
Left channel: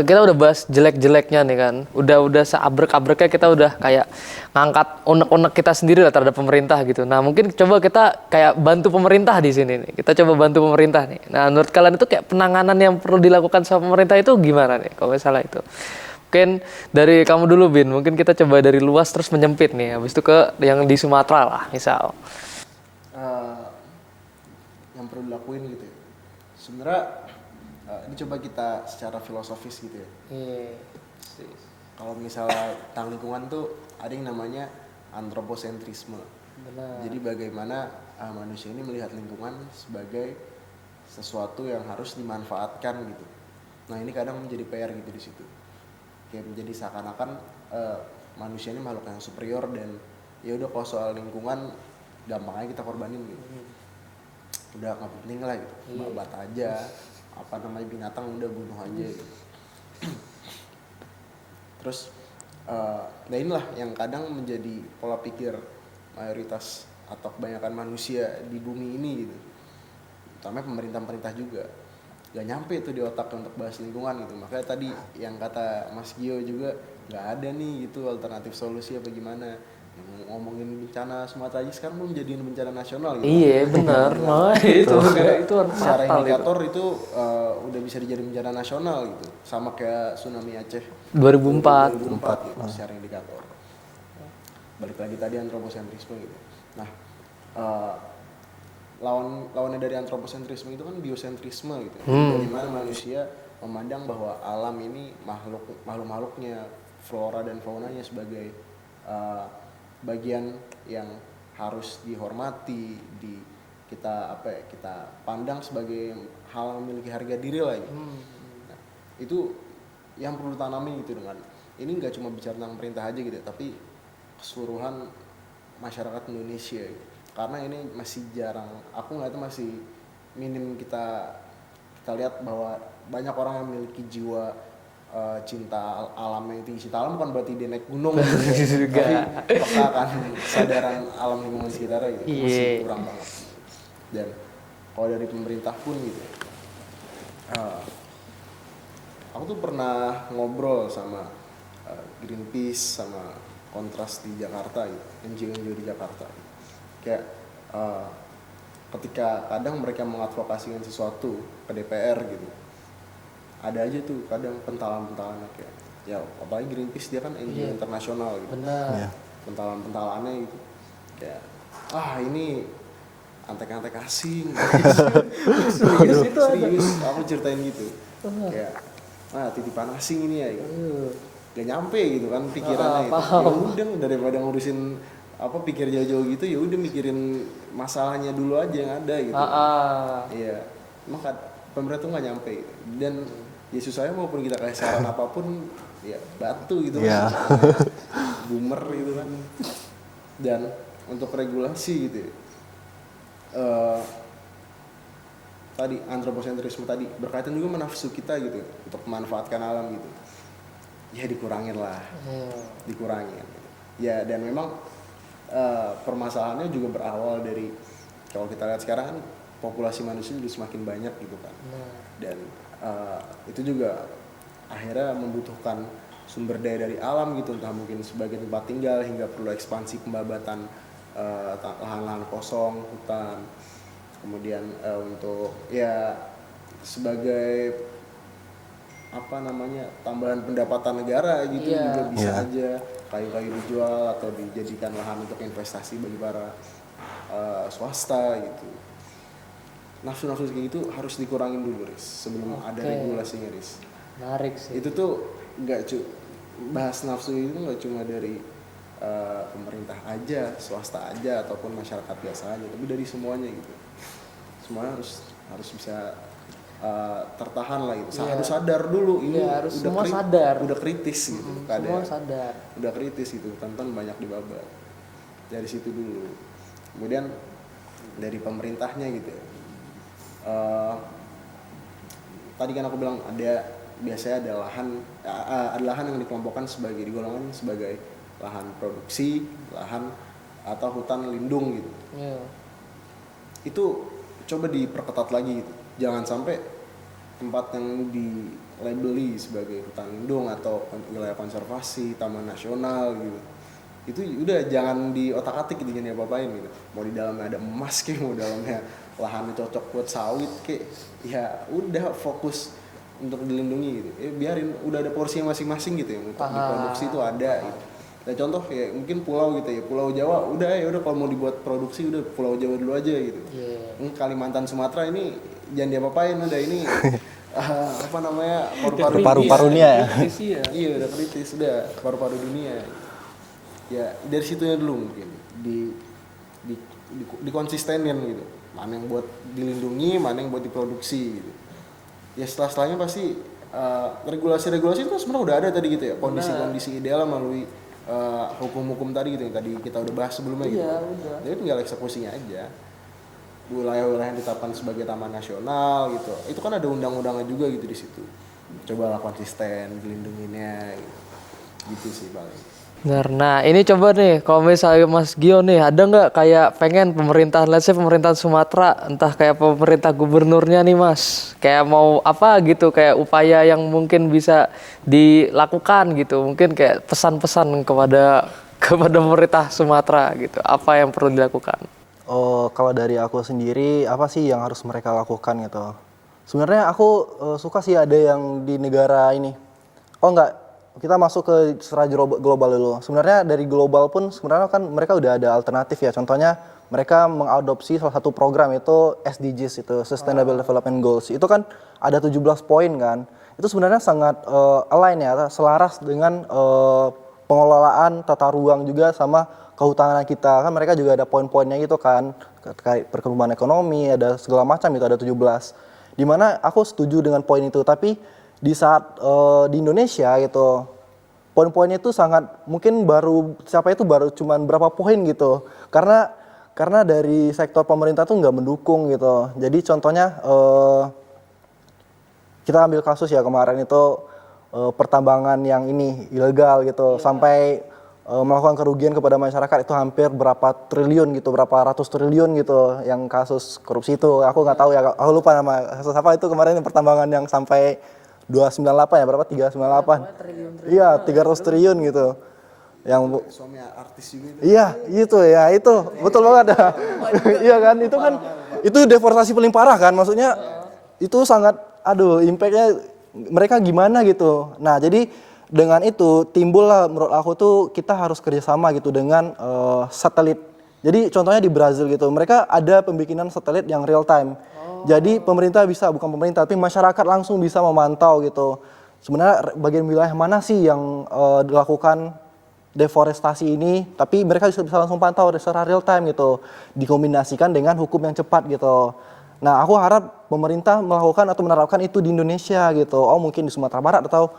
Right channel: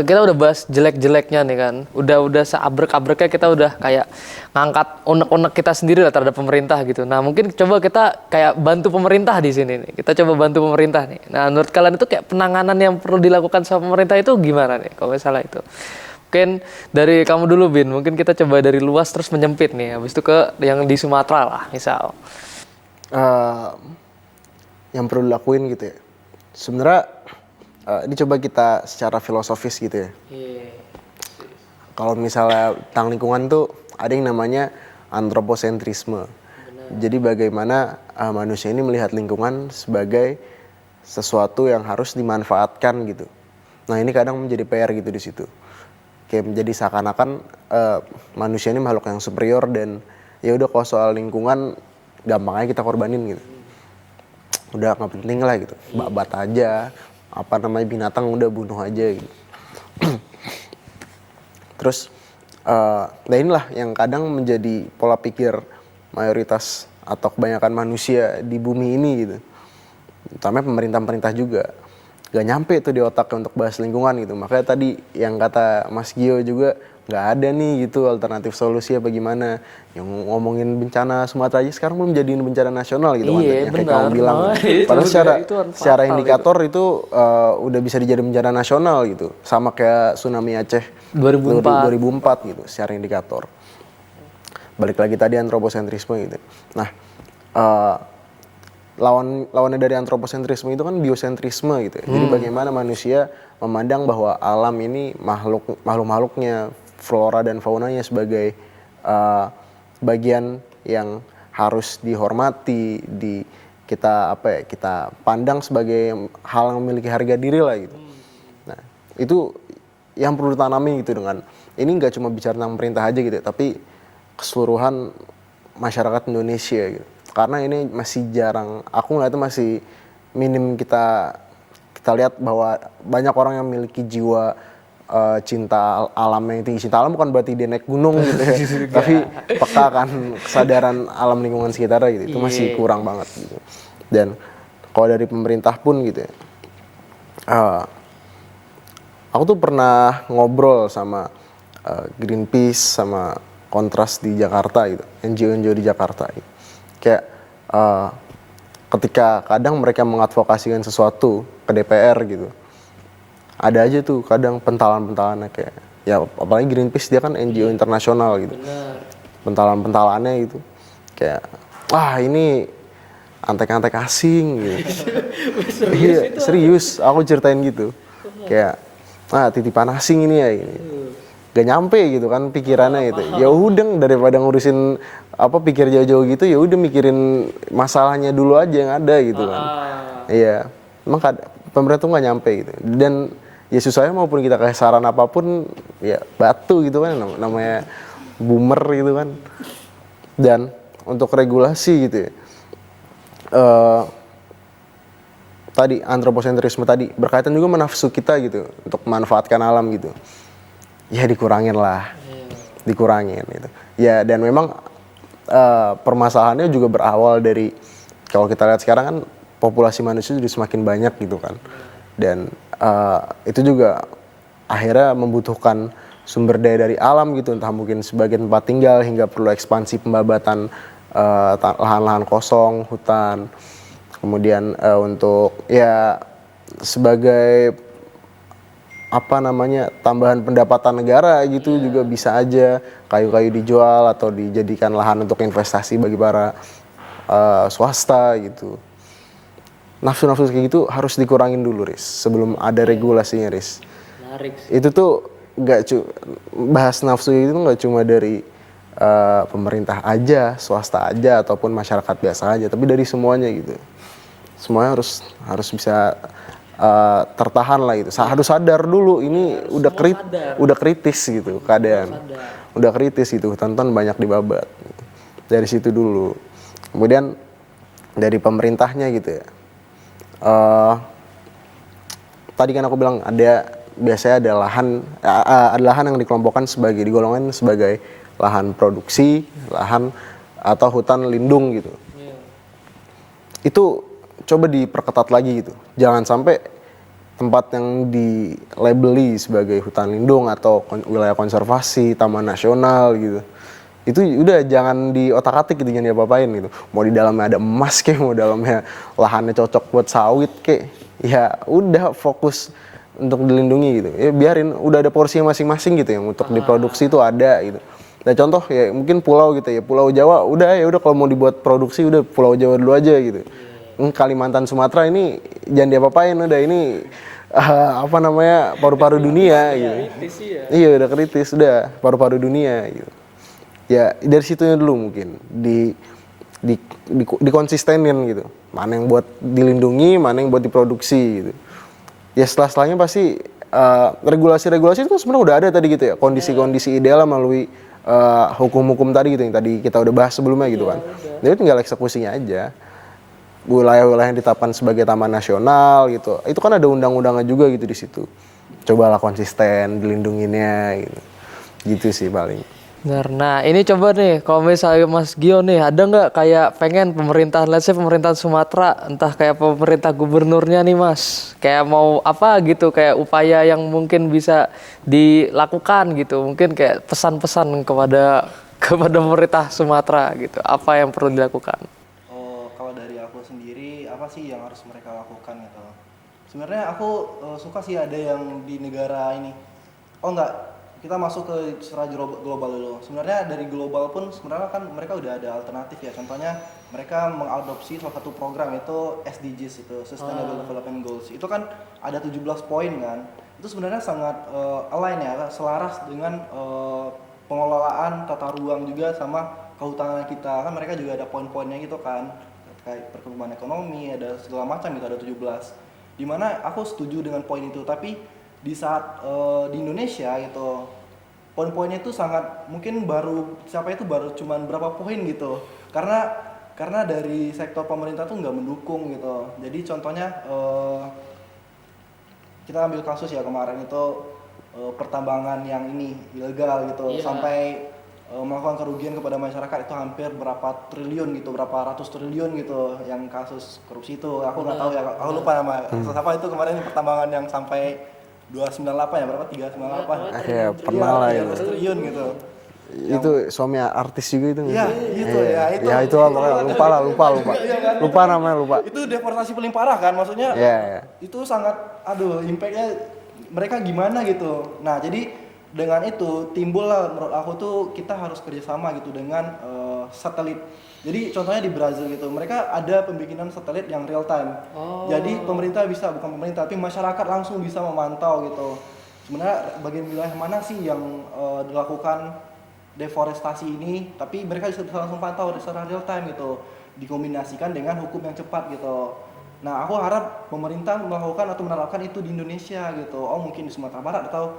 kita udah bahas jelek-jeleknya nih kan, udah seabrek-abreknya kita udah kayak ngangkat unek-unek kita sendiri lah terhadap pemerintah gitu. Nah, mungkin coba kita kayak bantu pemerintah di sini nih. Kita coba bantu pemerintah nih. Nah, menurut kalian itu kayak penanganan yang perlu dilakukan sama pemerintah itu gimana nih kalau misalnya itu? Mungkin dari kamu dulu Bin, mungkin kita coba dari luas terus menyempit nih, habis itu ke yang di Sumatera lah misal. Yang perlu dilakuin gitu ya. Sebenarnya ini coba kita secara filosofis gitu ya. Kalau misalnya tentang lingkungan tuh ada yang namanya antroposentrisme. Jadi bagaimana manusia ini melihat lingkungan sebagai sesuatu yang harus dimanfaatkan gitu. Nah ini kadang menjadi PR gitu di situ. Kayak menjadi seakan-akan manusia ini makhluk yang superior dan ya udah kalau soal lingkungan gampang aja kita korbanin gitu. Udah nggak penting lah gitu, babat aja, binatang udah bunuh aja gitu. Terus, nah inilah yang kadang menjadi pola pikir mayoritas atau kebanyakan manusia di bumi ini gitu. Terutama pemerintah-pemerintah juga. Gak nyampe tuh di otaknya untuk bahas lingkungan gitu. Makanya tadi yang kata Mas Gio juga nggak ada nih gitu alternatif solusi apa gimana. Yang ngomongin bencana Sumatera aja sekarang belum jadi bencana nasional gitu. Iya benar. Secara indikator itu udah bisa dijadikan bencana nasional gitu. Sama kayak tsunami Aceh 2004 gitu secara indikator. Balik lagi tadi antroposentrisme gitu. Nah, lawannya dari antroposentrisme itu kan biosentrisme gitu ya. Jadi bagaimana manusia memandang bahwa alam ini makhluk-makhluknya, flora dan faunanya sebagai bagian yang harus dihormati, kita pandang sebagai hal yang memiliki harga diri lah gitu. Nah, itu yang perlu ditanami gitu dengan ini nggak cuma bicara tentang pemerintah aja gitu, tapi keseluruhan masyarakat Indonesia gitu. Karena ini masih jarang, aku ngeliatnya masih minim kita lihat bahwa banyak orang yang memiliki jiwa cinta alam yang tinggi. Cinta alam bukan berarti dia naik gunung gitu ya. Tapi peka kan kesadaran alam lingkungan sekitarnya gitu. Itu masih kurang banget gitu. Dan kalau dari pemerintah pun gitu ya. Aku tuh pernah ngobrol sama Greenpeace sama Kontras di Jakarta gitu. NGO di Jakarta gitu. Kayak ketika kadang mereka mengadvokasikan sesuatu ke DPR gitu. Ada aja tuh kadang pentalan-pentalannya kayak ya apalagi Greenpeace dia kan NGO internasional gitu. Pentalan-pentalannya gitu. Kayak wah ini antek-antek asing gitu. Serius, aku ceritain gitu. Kayak titipan asing ini ya ini. Gak nyampe gitu kan pikirannya gitu. Ya udah daripada ngurusin pikir jauh-jauh gitu ya udah mikirin masalahnya dulu aja yang ada gitu kan. Iya. Emang pemerintah tuh gak nyampe gitu. Dan ya susahnya maupun kita kasih saran apapun ya batu gitu kan namanya boomer gitu kan. Dan untuk regulasi gitu ya. Tadi antroposentrisme tadi berkaitan juga menafsu kita gitu untuk memanfaatkan alam gitu. Ya dikurangin lah. Dikurangin gitu. Ya dan memang permasalahannya juga berawal dari kalau kita lihat sekarang kan populasi manusia sudah semakin banyak gitu kan. Dan itu juga akhirnya membutuhkan sumber daya dari alam gitu, entah mungkin sebagian tempat tinggal hingga perlu ekspansi pembabatan lahan-lahan kosong, hutan. Kemudian untuk ya sebagai tambahan pendapatan negara gitu juga bisa aja kayu-kayu dijual atau dijadikan lahan untuk investasi bagi para swasta gitu. nafsu-nafsu kayak gitu harus dikurangin dulu, Riz, sebelum ada regulasinya, Riz. Menarik sih. Itu tuh bahas nafsu itu nggak cuma dari pemerintah aja, swasta aja, ataupun masyarakat biasa aja, tapi dari semuanya gitu. Semuanya harus bisa tertahan lah gitu. Harus sadar dulu ini udah kritis gitu keadaan. Udah kritis gitu, hutan-hutan banyak dibabat. Dari situ dulu. Kemudian dari pemerintahnya gitu ya. Tadi kan aku bilang biasanya ada lahan yang dikelompokkan digolongkan sebagai lahan produksi, lahan atau hutan lindung gitu. Itu coba diperketat lagi gitu. Jangan sampai tempat yang dilabeli sebagai hutan lindung atau wilayah konservasi, taman nasional gitu. Itu udah jangan diotak-atik gitu, jangan diapa-apain gitu. Mau di dalamnya ada emas kek, mau dalamnya lahannya cocok buat sawit kek. Ya udah fokus untuk dilindungi gitu. Ya biarin, udah ada porsi masing-masing gitu ya untuk diproduksi itu ada gitu. Nah contoh ya mungkin pulau gitu ya, Pulau Jawa udah kalau mau dibuat produksi udah Pulau Jawa dulu aja gitu. Kalimantan Sumatera ini jangan diapa-apain, udah ini paru-paru dunia. Gitu. Iya udah kritis, udah paru-paru dunia gitu. Ya dari situnya dulu mungkin dikonsistenin gitu. Mana yang buat dilindungi, mana yang buat diproduksi gitu. Ya setelahnya pasti regulasi-regulasi itu kan sebenarnya udah ada tadi gitu ya, kondisi-kondisi ideal melalui hukum-hukum tadi gitu yang tadi kita udah bahas sebelumnya gitu kan. Jadi tinggal eksekusinya aja. Wilayah-wilayah yang ditetapkan sebagai taman nasional gitu, itu kan ada undang-undangnya juga gitu di situ. Cobalah konsisten dilindunginnya gitu. Gitu sih paling. Benar. Nah ini coba nih, kalau misalnya Mas Gio nih, ada nggak kayak pengen pemerintahan Sumatera, entah kayak pemerintah gubernurnya nih Mas, kayak mau apa gitu, kayak upaya yang mungkin bisa dilakukan gitu, mungkin kayak pesan-pesan kepada pemerintah Sumatera gitu, apa yang perlu dilakukan? Kalau dari aku sendiri, apa sih yang harus mereka lakukan gitu? Sebenarnya aku suka sih ada yang di negara ini. Kita masuk ke secara global dulu. Sebenarnya dari global pun sebenarnya kan mereka udah ada alternatif ya. Contohnya mereka mengadopsi salah satu program itu SDGs, itu Sustainable Development Goals. Itu kan ada 17 poin kan. Itu sebenarnya sangat align ya, selaras dengan pengelolaan tata ruang juga sama kehutanan kita. Kan mereka juga ada poin-poinnya gitu kan, terkait perkembangan ekonomi, ada segala macam itu, ada 17. Dimana aku setuju dengan poin itu, tapi di saat di Indonesia gitu, poin-poinnya itu sangat mungkin baru cuman berapa poin gitu, karena dari sektor pemerintah tuh nggak mendukung gitu. Jadi contohnya kita ambil kasus ya kemarin itu pertambangan yang ini ilegal gitu, sampai melakukan kerugian kepada masyarakat itu hampir berapa triliun gitu, berapa ratus triliun gitu, yang kasus korupsi itu. Aku nggak tahu ya, aku lupa nama kasus apa itu kemarin, pertambangan yang sampai 298 ya, berapa 398? Iya, 300 triliun gitu. Yang itu suami artis juga itu. Iya, itu itu betul banget. Lupa. Iya kan? Lupa namanya, lupa. Itu deforestasi paling parah kan, maksudnya. Itu sangat, impact-nya mereka gimana gitu. Nah, jadi dengan itu timbullah menurut aku tuh kita harus kerjasama gitu dengan satelit. Jadi contohnya di Brazil gitu, mereka ada pembikinan satelit yang real time. Jadi pemerintah bukan pemerintah, tapi masyarakat langsung bisa memantau gitu. Sebenarnya bagian wilayah mana sih yang dilakukan deforestasi ini, tapi mereka bisa langsung pantau secara real time gitu. Dikombinasikan dengan hukum yang cepat gitu. Nah, aku harap pemerintah melakukan atau menerapkan itu di Indonesia gitu. Mungkin di Sumatera Barat atau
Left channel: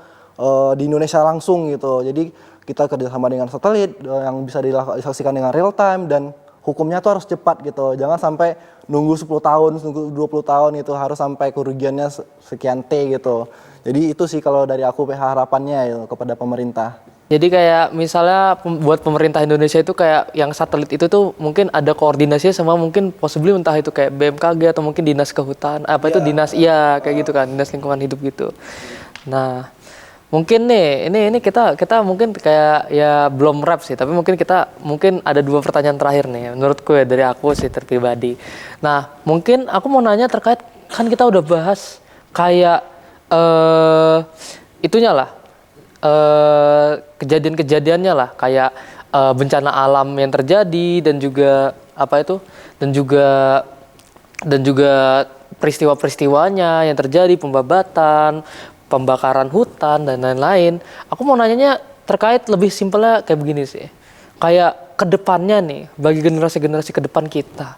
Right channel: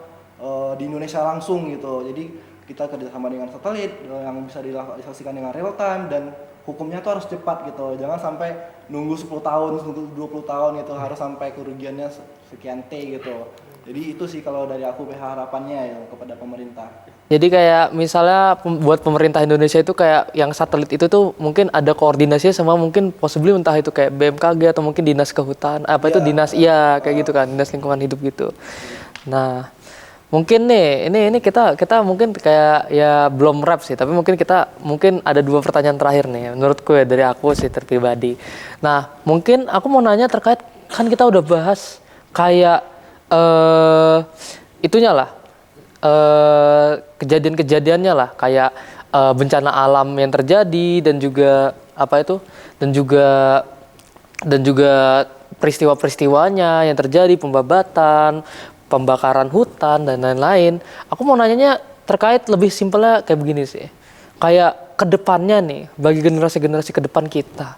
di Indonesia langsung gitu. Jadi kita kerjasama dengan satelit yang bisa disaksikan dengan real time, dan hukumnya tuh harus cepat gitu. Jangan sampai nunggu 10 tahun, nunggu 20 tahun gitu, harus sampai kerugiannya sekian T gitu. Jadi itu sih kalau dari aku harapannya ya kepada pemerintah. Jadi kayak misalnya buat pemerintah Indonesia itu kayak yang satelit itu tuh mungkin ada koordinasinya sama mungkin possibly entah itu kayak BMKG atau mungkin dinas kehutanan, dinas kayak gitu kan, dinas lingkungan hidup gitu. Nah, mungkin nih ini kita mungkin kayak ya belum wrap sih, tapi mungkin ada 2 pertanyaan terakhir nih menurutku ya, dari aku sih pribadi. Nah, mungkin aku mau nanya terkait, kan kita udah bahas kayak itunya lah, kejadian-kejadiannya lah, kayak bencana alam yang terjadi dan juga dan juga peristiwa-peristiwanya yang terjadi, pembabatan, pembakaran hutan dan lain-lain. Aku mau nanyanya terkait lebih simpelnya kayak begini sih. Kayak kedepannya nih, bagi generasi-generasi ke depan kita.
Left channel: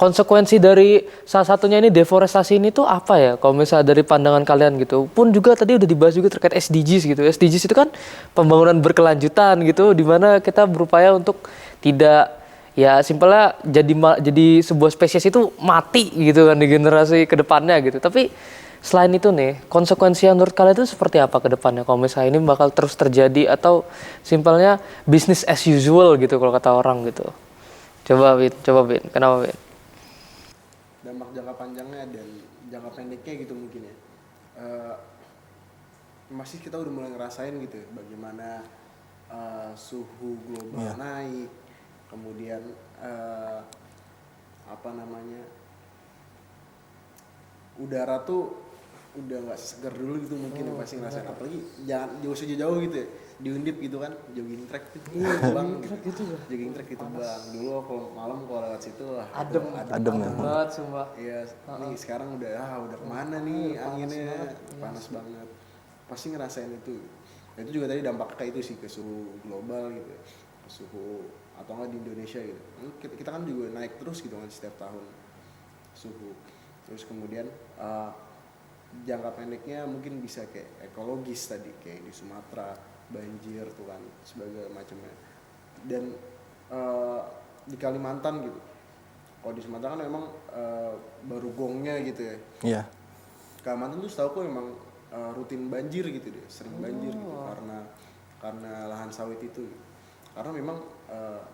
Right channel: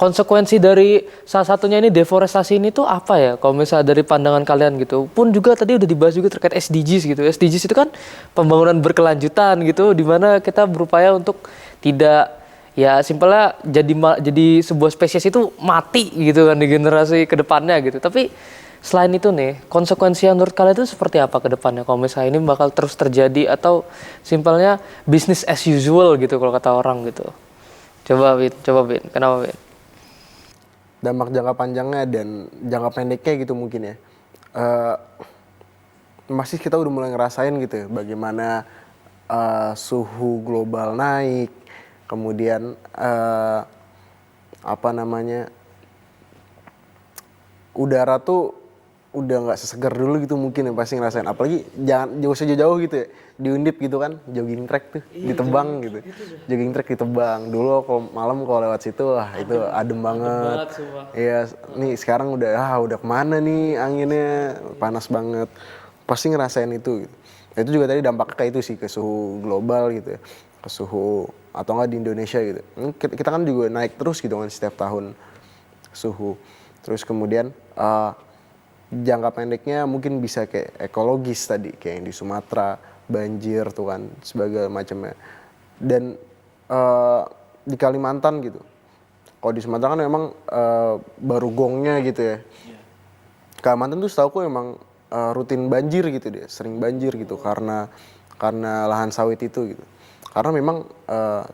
Konsekuensi dari salah satunya ini deforestasi ini tuh apa ya? Kalau misalnya dari pandangan kalian gitu. Pun juga tadi udah dibahas juga terkait SDGs gitu. SDGs itu kan pembangunan berkelanjutan gitu, di mana kita berupaya untuk tidak, ya simpelnya jadi sebuah spesies itu mati gitu kan di generasi kedepannya gitu. Tapi selain itu nih, konsekuensi yang menurut kalian itu seperti apa ke depannya? Kalau misalnya ini bakal terus terjadi atau simpelnya business as usual gitu kalau kata orang gitu. Coba Bin, kenapa Bin? Dampak jangka panjangnya dan jangka pendeknya gitu mungkin ya. Masih kita udah mulai ngerasain gitu ya, bagaimana suhu global naik, kemudian apa namanya, udara tuh udah nggak sesegar dulu gitu mungkin ya, pasti ngerasain. Apalagi jangan jauh-jauh gitu ya, di Undip gitu kan, jogging track tuh ditebang gitu. Jogging track ditebang. Dulu kalau malam kalau lewat situ, wah itu adem banget. Iya, nih sekarang udah kemana nih anginnya, panas banget. Pasti ngerasain itu. Itu juga tadi dampaknya kayak itu sih, ke suhu global gitu ya, ke suhu atau enggak di Indonesia gitu. Kita kan juga naik terus gitu kan setiap tahun suhu. Terus kemudian jangka pendeknya mungkin bisa kayak ekologis tadi, kayak yang di Sumatera, banjir tuh kan, sebagai macamnya. Dan di Kalimantan gitu, kalau di Sumatera kan memang baru gongnya gitu ya. Iya. Kalimantan tuh setahu aku memang rutin banjir gitu dia, sering banjir gitu karena lahan sawit itu gitu. Karena memang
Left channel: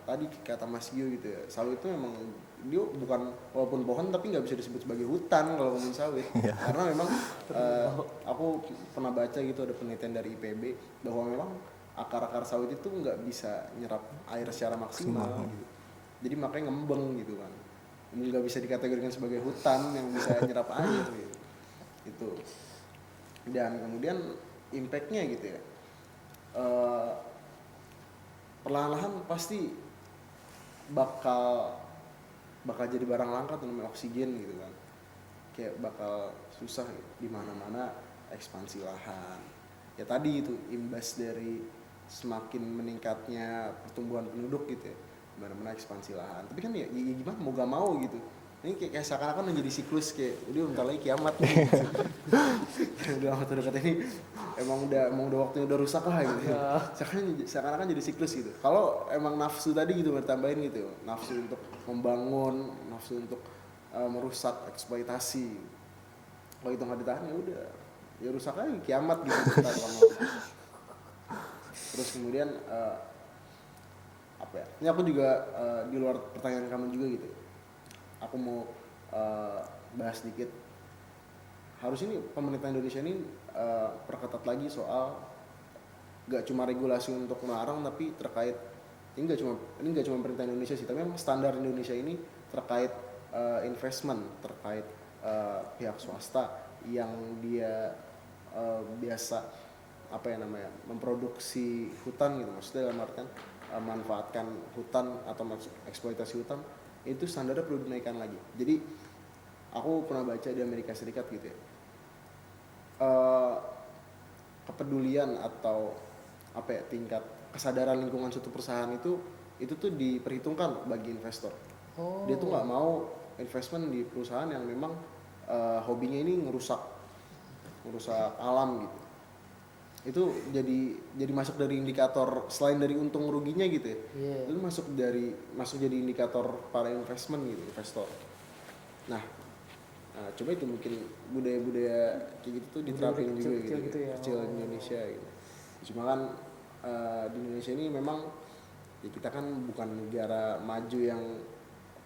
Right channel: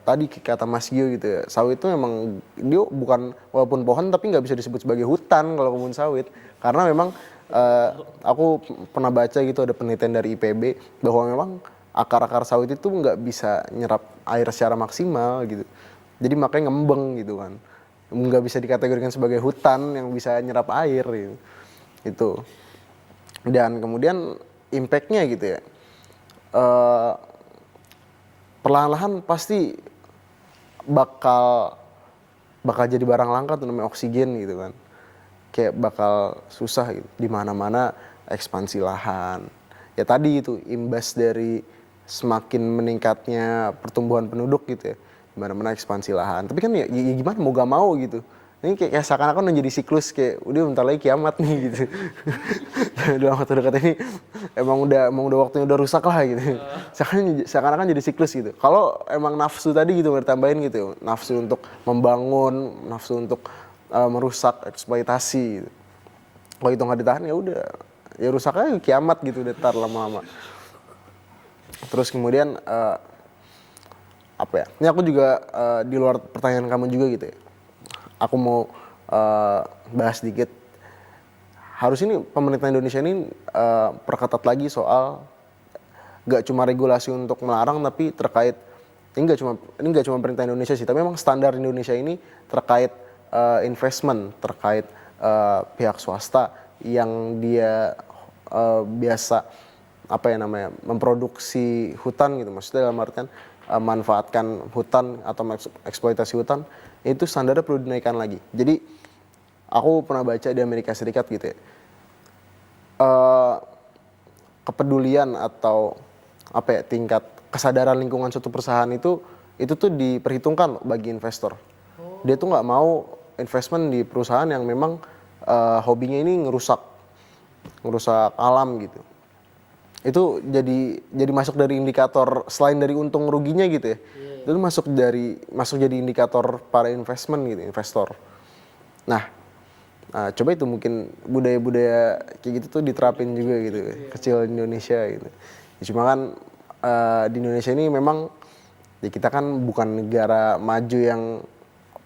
tadi kata Mas Gio gitu ya, sawit itu memang dia bukan, walaupun pohon tapi nggak bisa disebut sebagai hutan kalau kebun sawit. Karena memang aku pernah baca gitu, ada penelitian dari IPB bahwa memang akar-akar sawit itu nggak bisa nyerap air secara maksimal gitu. Jadi makanya ngembeng gitu kan. Nggak bisa dikategorikan sebagai hutan yang bisa nyerap air gitu. Itu. Dan kemudian impact-nya gitu ya. Perlahan-lahan pasti bakal jadi barang langka tuh, namanya oksigen gitu kan. Kayak bakal susah gitu, di mana-mana ekspansi lahan. Ya tadi itu imbas dari semakin meningkatnya pertumbuhan penduduk gitu ya, di mana-mana ekspansi lahan. Tapi kan ya gimana mau gak mau gitu. Ini kayak seakan-akan menjadi siklus, kayak udah bentar lagi kiamat nih gitu. Dalam waktu dekat ini emang udah waktunya udah rusak lah gitu. Seakan-akan jadi siklus gitu. Kalau emang nafsu tadi gitu bertambahin gitu, nafsu untuk membangun, nafsu untuk merusak, eksploitasi gitu. Kalau itu nggak ditahan ya udah, ya rusak aja, kiamat gitu ntar lama-lama. Terus kemudian apa ya? Ini aku juga di luar pertanyaan kamu juga gitu ya. Aku mau bahas sedikit. Harus ini pemerintah Indonesia ini perketat lagi soal gak cuma regulasi untuk melarang, tapi terkait ini nggak cuma pemerintah Indonesia sih, tapi memang standar Indonesia ini terkait investment, terkait pihak swasta yang dia biasa apa ya namanya, memproduksi hutan gitu, maksudnya dalam artian manfaatkan hutan atau eksploitasi hutan, itu standarnya perlu dinaikkan lagi. Jadi aku pernah baca di Amerika Serikat gitu ya, kepedulian atau apa ya, tingkat kesadaran lingkungan suatu perusahaan itu tuh diperhitungkan bagi investor. Dia tuh nggak mau investment di perusahaan yang memang hobinya ini ngerusak alam gitu. Itu jadi masuk dari indikator, selain dari untung ruginya gitu ya. Itu masuk jadi indikator para investor. Nah, coba itu mungkin budaya-budaya kayak gitu tuh diterapin juga gitu, kecil di Indonesia gitu. Ya, cuma kan di Indonesia ini memang ya kita kan bukan negara maju yang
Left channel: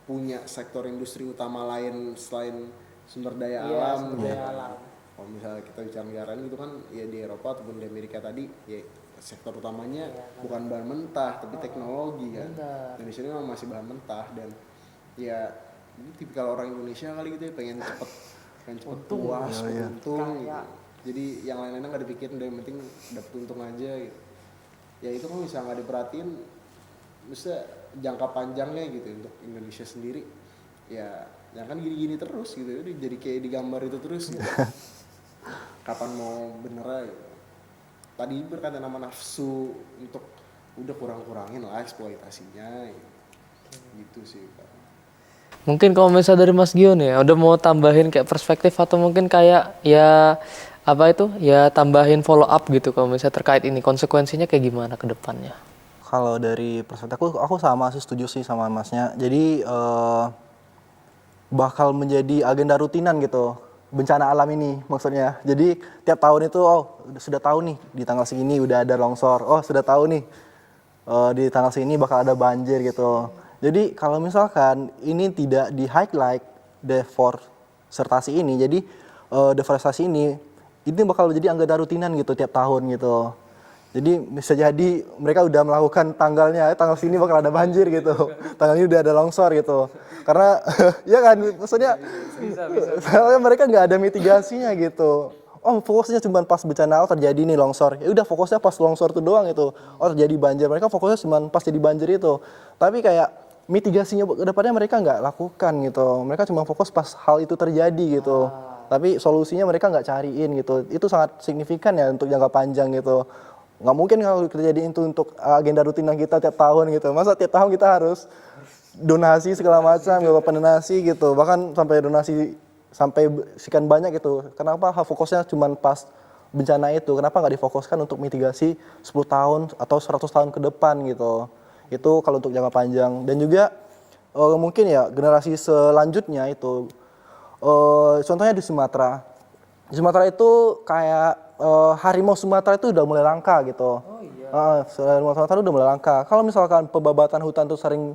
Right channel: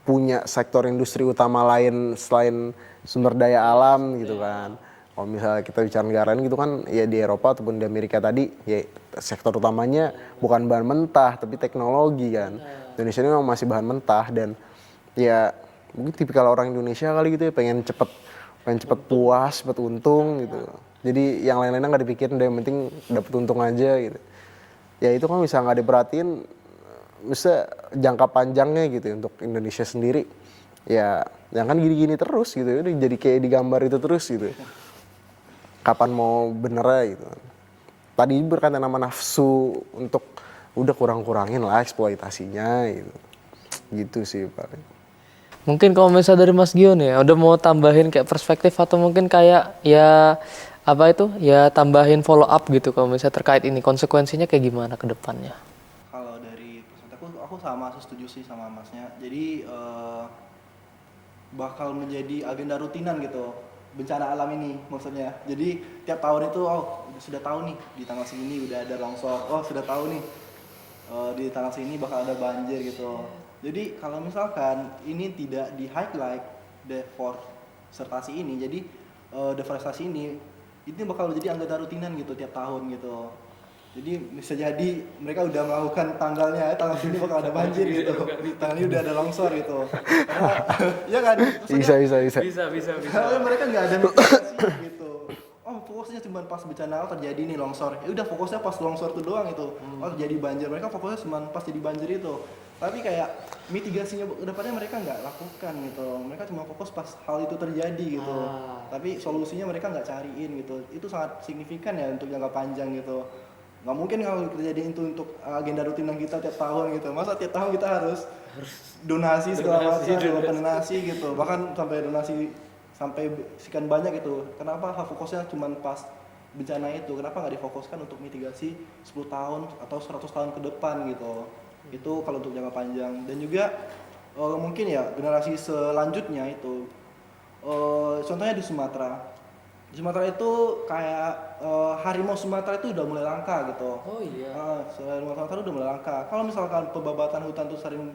punya sektor industri utama lain selain sumber daya alam gitu kan. Kalau misalnya kita bicara negara gitu kan, ya di Eropa ataupun di Amerika tadi, ya sektor utamanya bukan bahan mentah tapi teknologi kan. Indonesia ini memang masih bahan mentah, dan ya mungkin tipikal orang Indonesia kali gitu ya, pengen cepet puas, cepet untung gitu. Jadi yang lain-lainnya nggak dipikirin, yang penting dapet untung aja gitu. Ya itu kan bisa nggak diperhatiin, bisa jangka panjangnya gitu ya, untuk Indonesia sendiri. ya jangan gini-gini terus gitu, udah jadi kayak digambar itu terus gitu. Kapan mau benernya gitu. Tadi berkaitan sama nafsu untuk udah kurang-kurangin lah eksploitasinya gitu. Gitu sih paling. Mungkin kalau misalnya dari Mas Gio nih, udah mau tambahin kayak perspektif atau mungkin kayak ya apa itu ya tambahin follow up gitu kalau misalnya terkait ini konsekuensinya kayak gimana ke depannya? Kalau dari perspektif aku sama sih, setuju sih sama masnya. Jadi bakal menjadi agenda rutinan gitu bencana alam ini maksudnya. Jadi tiap tahun itu sudah tahu nih di tanggal segini udah ada longsor. Oh sudah tahu nih di tanggal segini bakal ada banjir gitu. Jadi kalau misalkan ini tidak di highlight deforestasi ini, jadi deforestasi ini bakal menjadi agenda rutinan gitu tiap tahun gitu. Jadi bisa jadi mereka udah melakukan tanggal sini bakal ada banjir gitu. Tanggal ini udah ada longsor gitu. Karena ya kan maksudnya Bisa. karena mereka nggak ada mitigasinya gitu. Oh fokusnya cuma pas bencana terjadi nih longsor. Ya udah fokusnya pas longsor itu doang itu. Oh terjadi banjir. Mereka fokusnya cuma pas jadi banjir itu. Tapi kayak mitigasinya ke depannya mereka nggak lakukan gitu. Mereka cuma fokus pas hal itu terjadi gitu. Tapi solusinya mereka nggak cariin gitu. Itu sangat signifikan ya untuk jangka panjang gitu. Nggak mungkin kalau terjadi itu untuk agenda rutinan kita tiap tahun gitu. Masa tiap tahun kita harus donasi segala macam, donasi gitu. Bahkan sampai donasi sampai sekian banyak gitu. Kenapa fokusnya cuma pas bencana itu? Kenapa nggak difokuskan untuk mitigasi 10 tahun atau 100 tahun ke depan gitu? Itu kalau untuk jangka panjang. Dan juga mungkin ya generasi selanjutnya itu contohnya di Sumatera. Di Sumatera itu kayak harimau Sumatera itu udah mulai langka gitu. Oh iya. Harimau Sumatera udah mulai langka. Kalau misalkan pembabatan hutan itu sering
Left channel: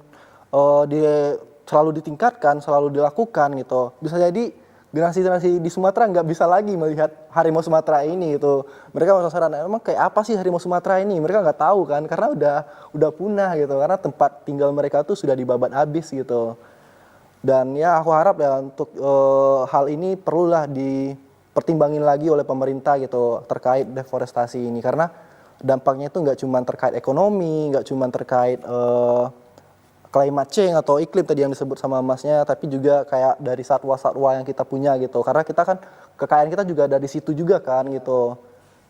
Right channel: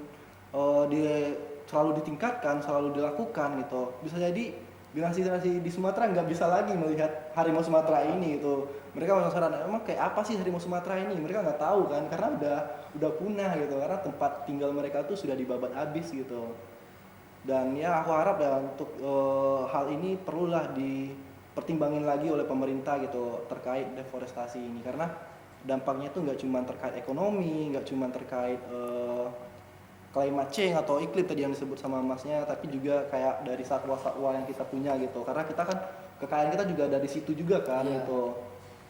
selalu ditingkatkan, selalu dilakukan gitu, bisa jadi generasi-generasi di Sumatera nggak bisa lagi melihat harimau Sumatera ini gitu. Mereka penasaran, emang kayak apa sih harimau Sumatera ini? Mereka nggak tahu kan, karena udah punah gitu. Karena tempat tinggal mereka tuh sudah dibabat habis gitu. Dan ya aku harap ya untuk hal ini perlulah dipertimbangin lagi oleh pemerintah gitu terkait deforestasi ini, karena dampaknya itu nggak cuma terkait ekonomi, nggak cuma terkait climate change atau iklim tadi yang disebut sama masnya, tapi juga kayak dari satwa-satwa yang kita punya gitu, karena kita kan kekayaan kita juga dari situ juga kan gitu.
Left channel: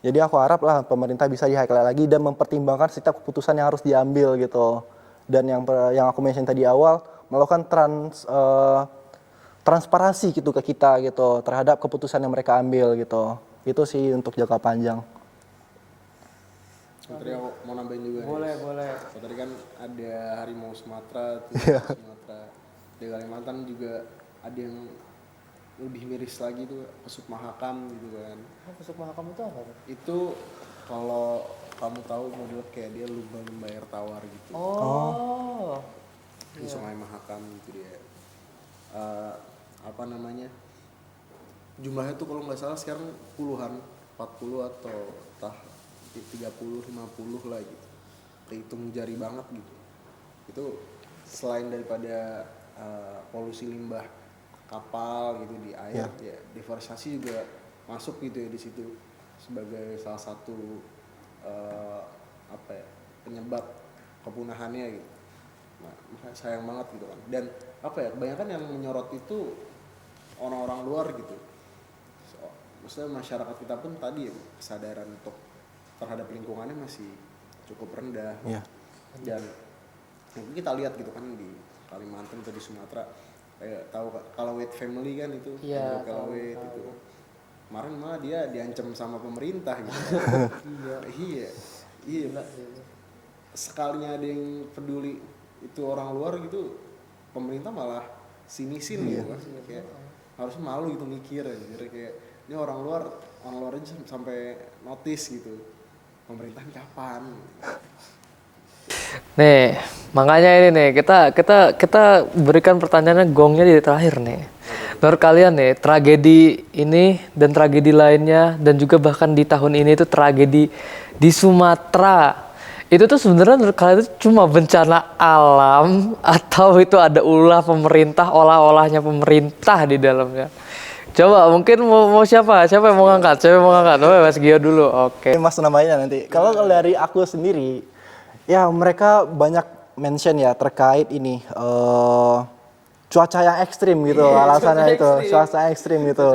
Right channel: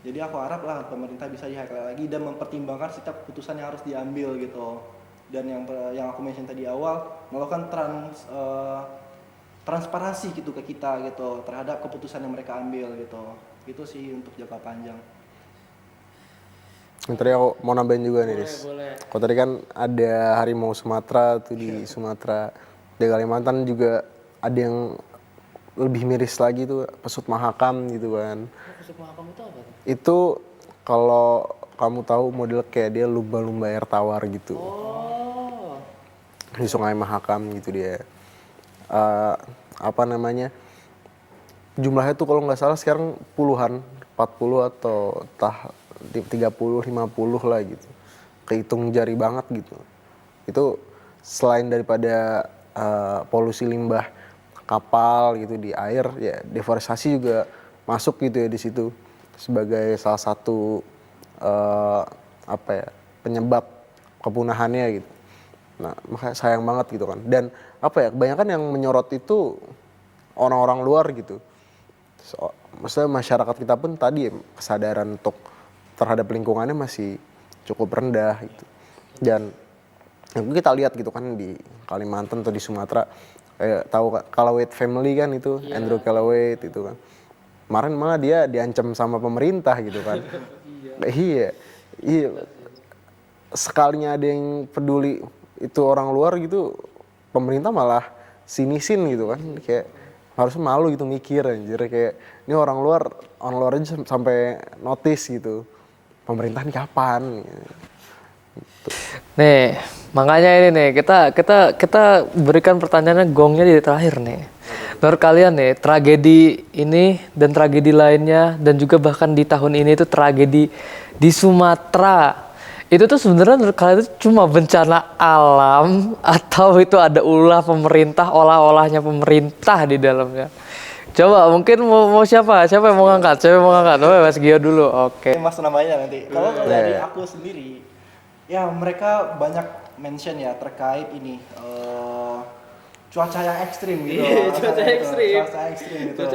Jadi aku harap lah pemerintah bisa di-highlight lagi dan mempertimbangkan setiap keputusan yang harus diambil gitu. Dan yang aku mention tadi awal, melakukan transparansi gitu ke kita gitu terhadap keputusan yang mereka ambil gitu. Itu sih untuk jangka panjang. Tadi aku mau nambahin juga nih, Dis. Kalau tadi kan ada harimau Sumatera tuh di Sumatera, di Kalimantan juga ada yang lebih miris lagi tuh pesut mahakam gitu kan. Pesut mahakam itu apa? Itu kalau kamu tahu model kayak dia lumba-lumba air tawar gitu. Oh. Di Sungai Mahakam gitu dia. Apa namanya? Jumlahnya tuh kalau nggak salah sekarang puluhan, 40 atau 30, 50 lah gitu. Kehitung jari banget gitu. Itu selain daripada polusi limbah kapal gitu di air, ya deforestasi juga masuk gitu ya di situ sebagai salah satu penyebab kepunahannya gitu. Nah, makanya sayang banget gitu kan. Dan kebanyakan yang menyorot itu orang-orang luar gitu. Maksudnya masyarakat kita pun tadi kesadaran untuk terhadap lingkungannya masih cukup rendah gitu. Dan yang kita lihat gitu kan di Kalimantan atau di Sumatera, kayak tahu Kalawait family kan itu, Andrew Kalawait itu kan. Kemarin malah dia diancam sama pemerintah gitu kan. Iya. Sekalinya ada yang peduli itu orang luar gitu, pemerintah malah sinisin gitu kan. Kayak harusnya malu gitu mikir anjir, kayak ini orang luar aja sampai notice gitu. Pemerintah ini kapan? Gitu. Nih, makanya ini nih kita berikan pertanyaannya gongnya di terakhir nih. Menurut kalian nih, tragedi ini dan tragedi lainnya dan juga bahkan di tahun ini itu tragedi di Sumatera. Itu tuh sebenarnya menurut kalian itu cuma bencana alam atau itu ada ulah pemerintah, olah-olahnya pemerintah di dalamnya? Coba mungkin mau siapa yang mau ngangkat? Oh, Mas Gio dulu. Oke. Mas namanya nanti. Kalau dari aku sendiri, ya mereka banyak mention ya terkait ini cuaca yang ekstrim gitu alasannya itu, cuaca ekstrim gitu.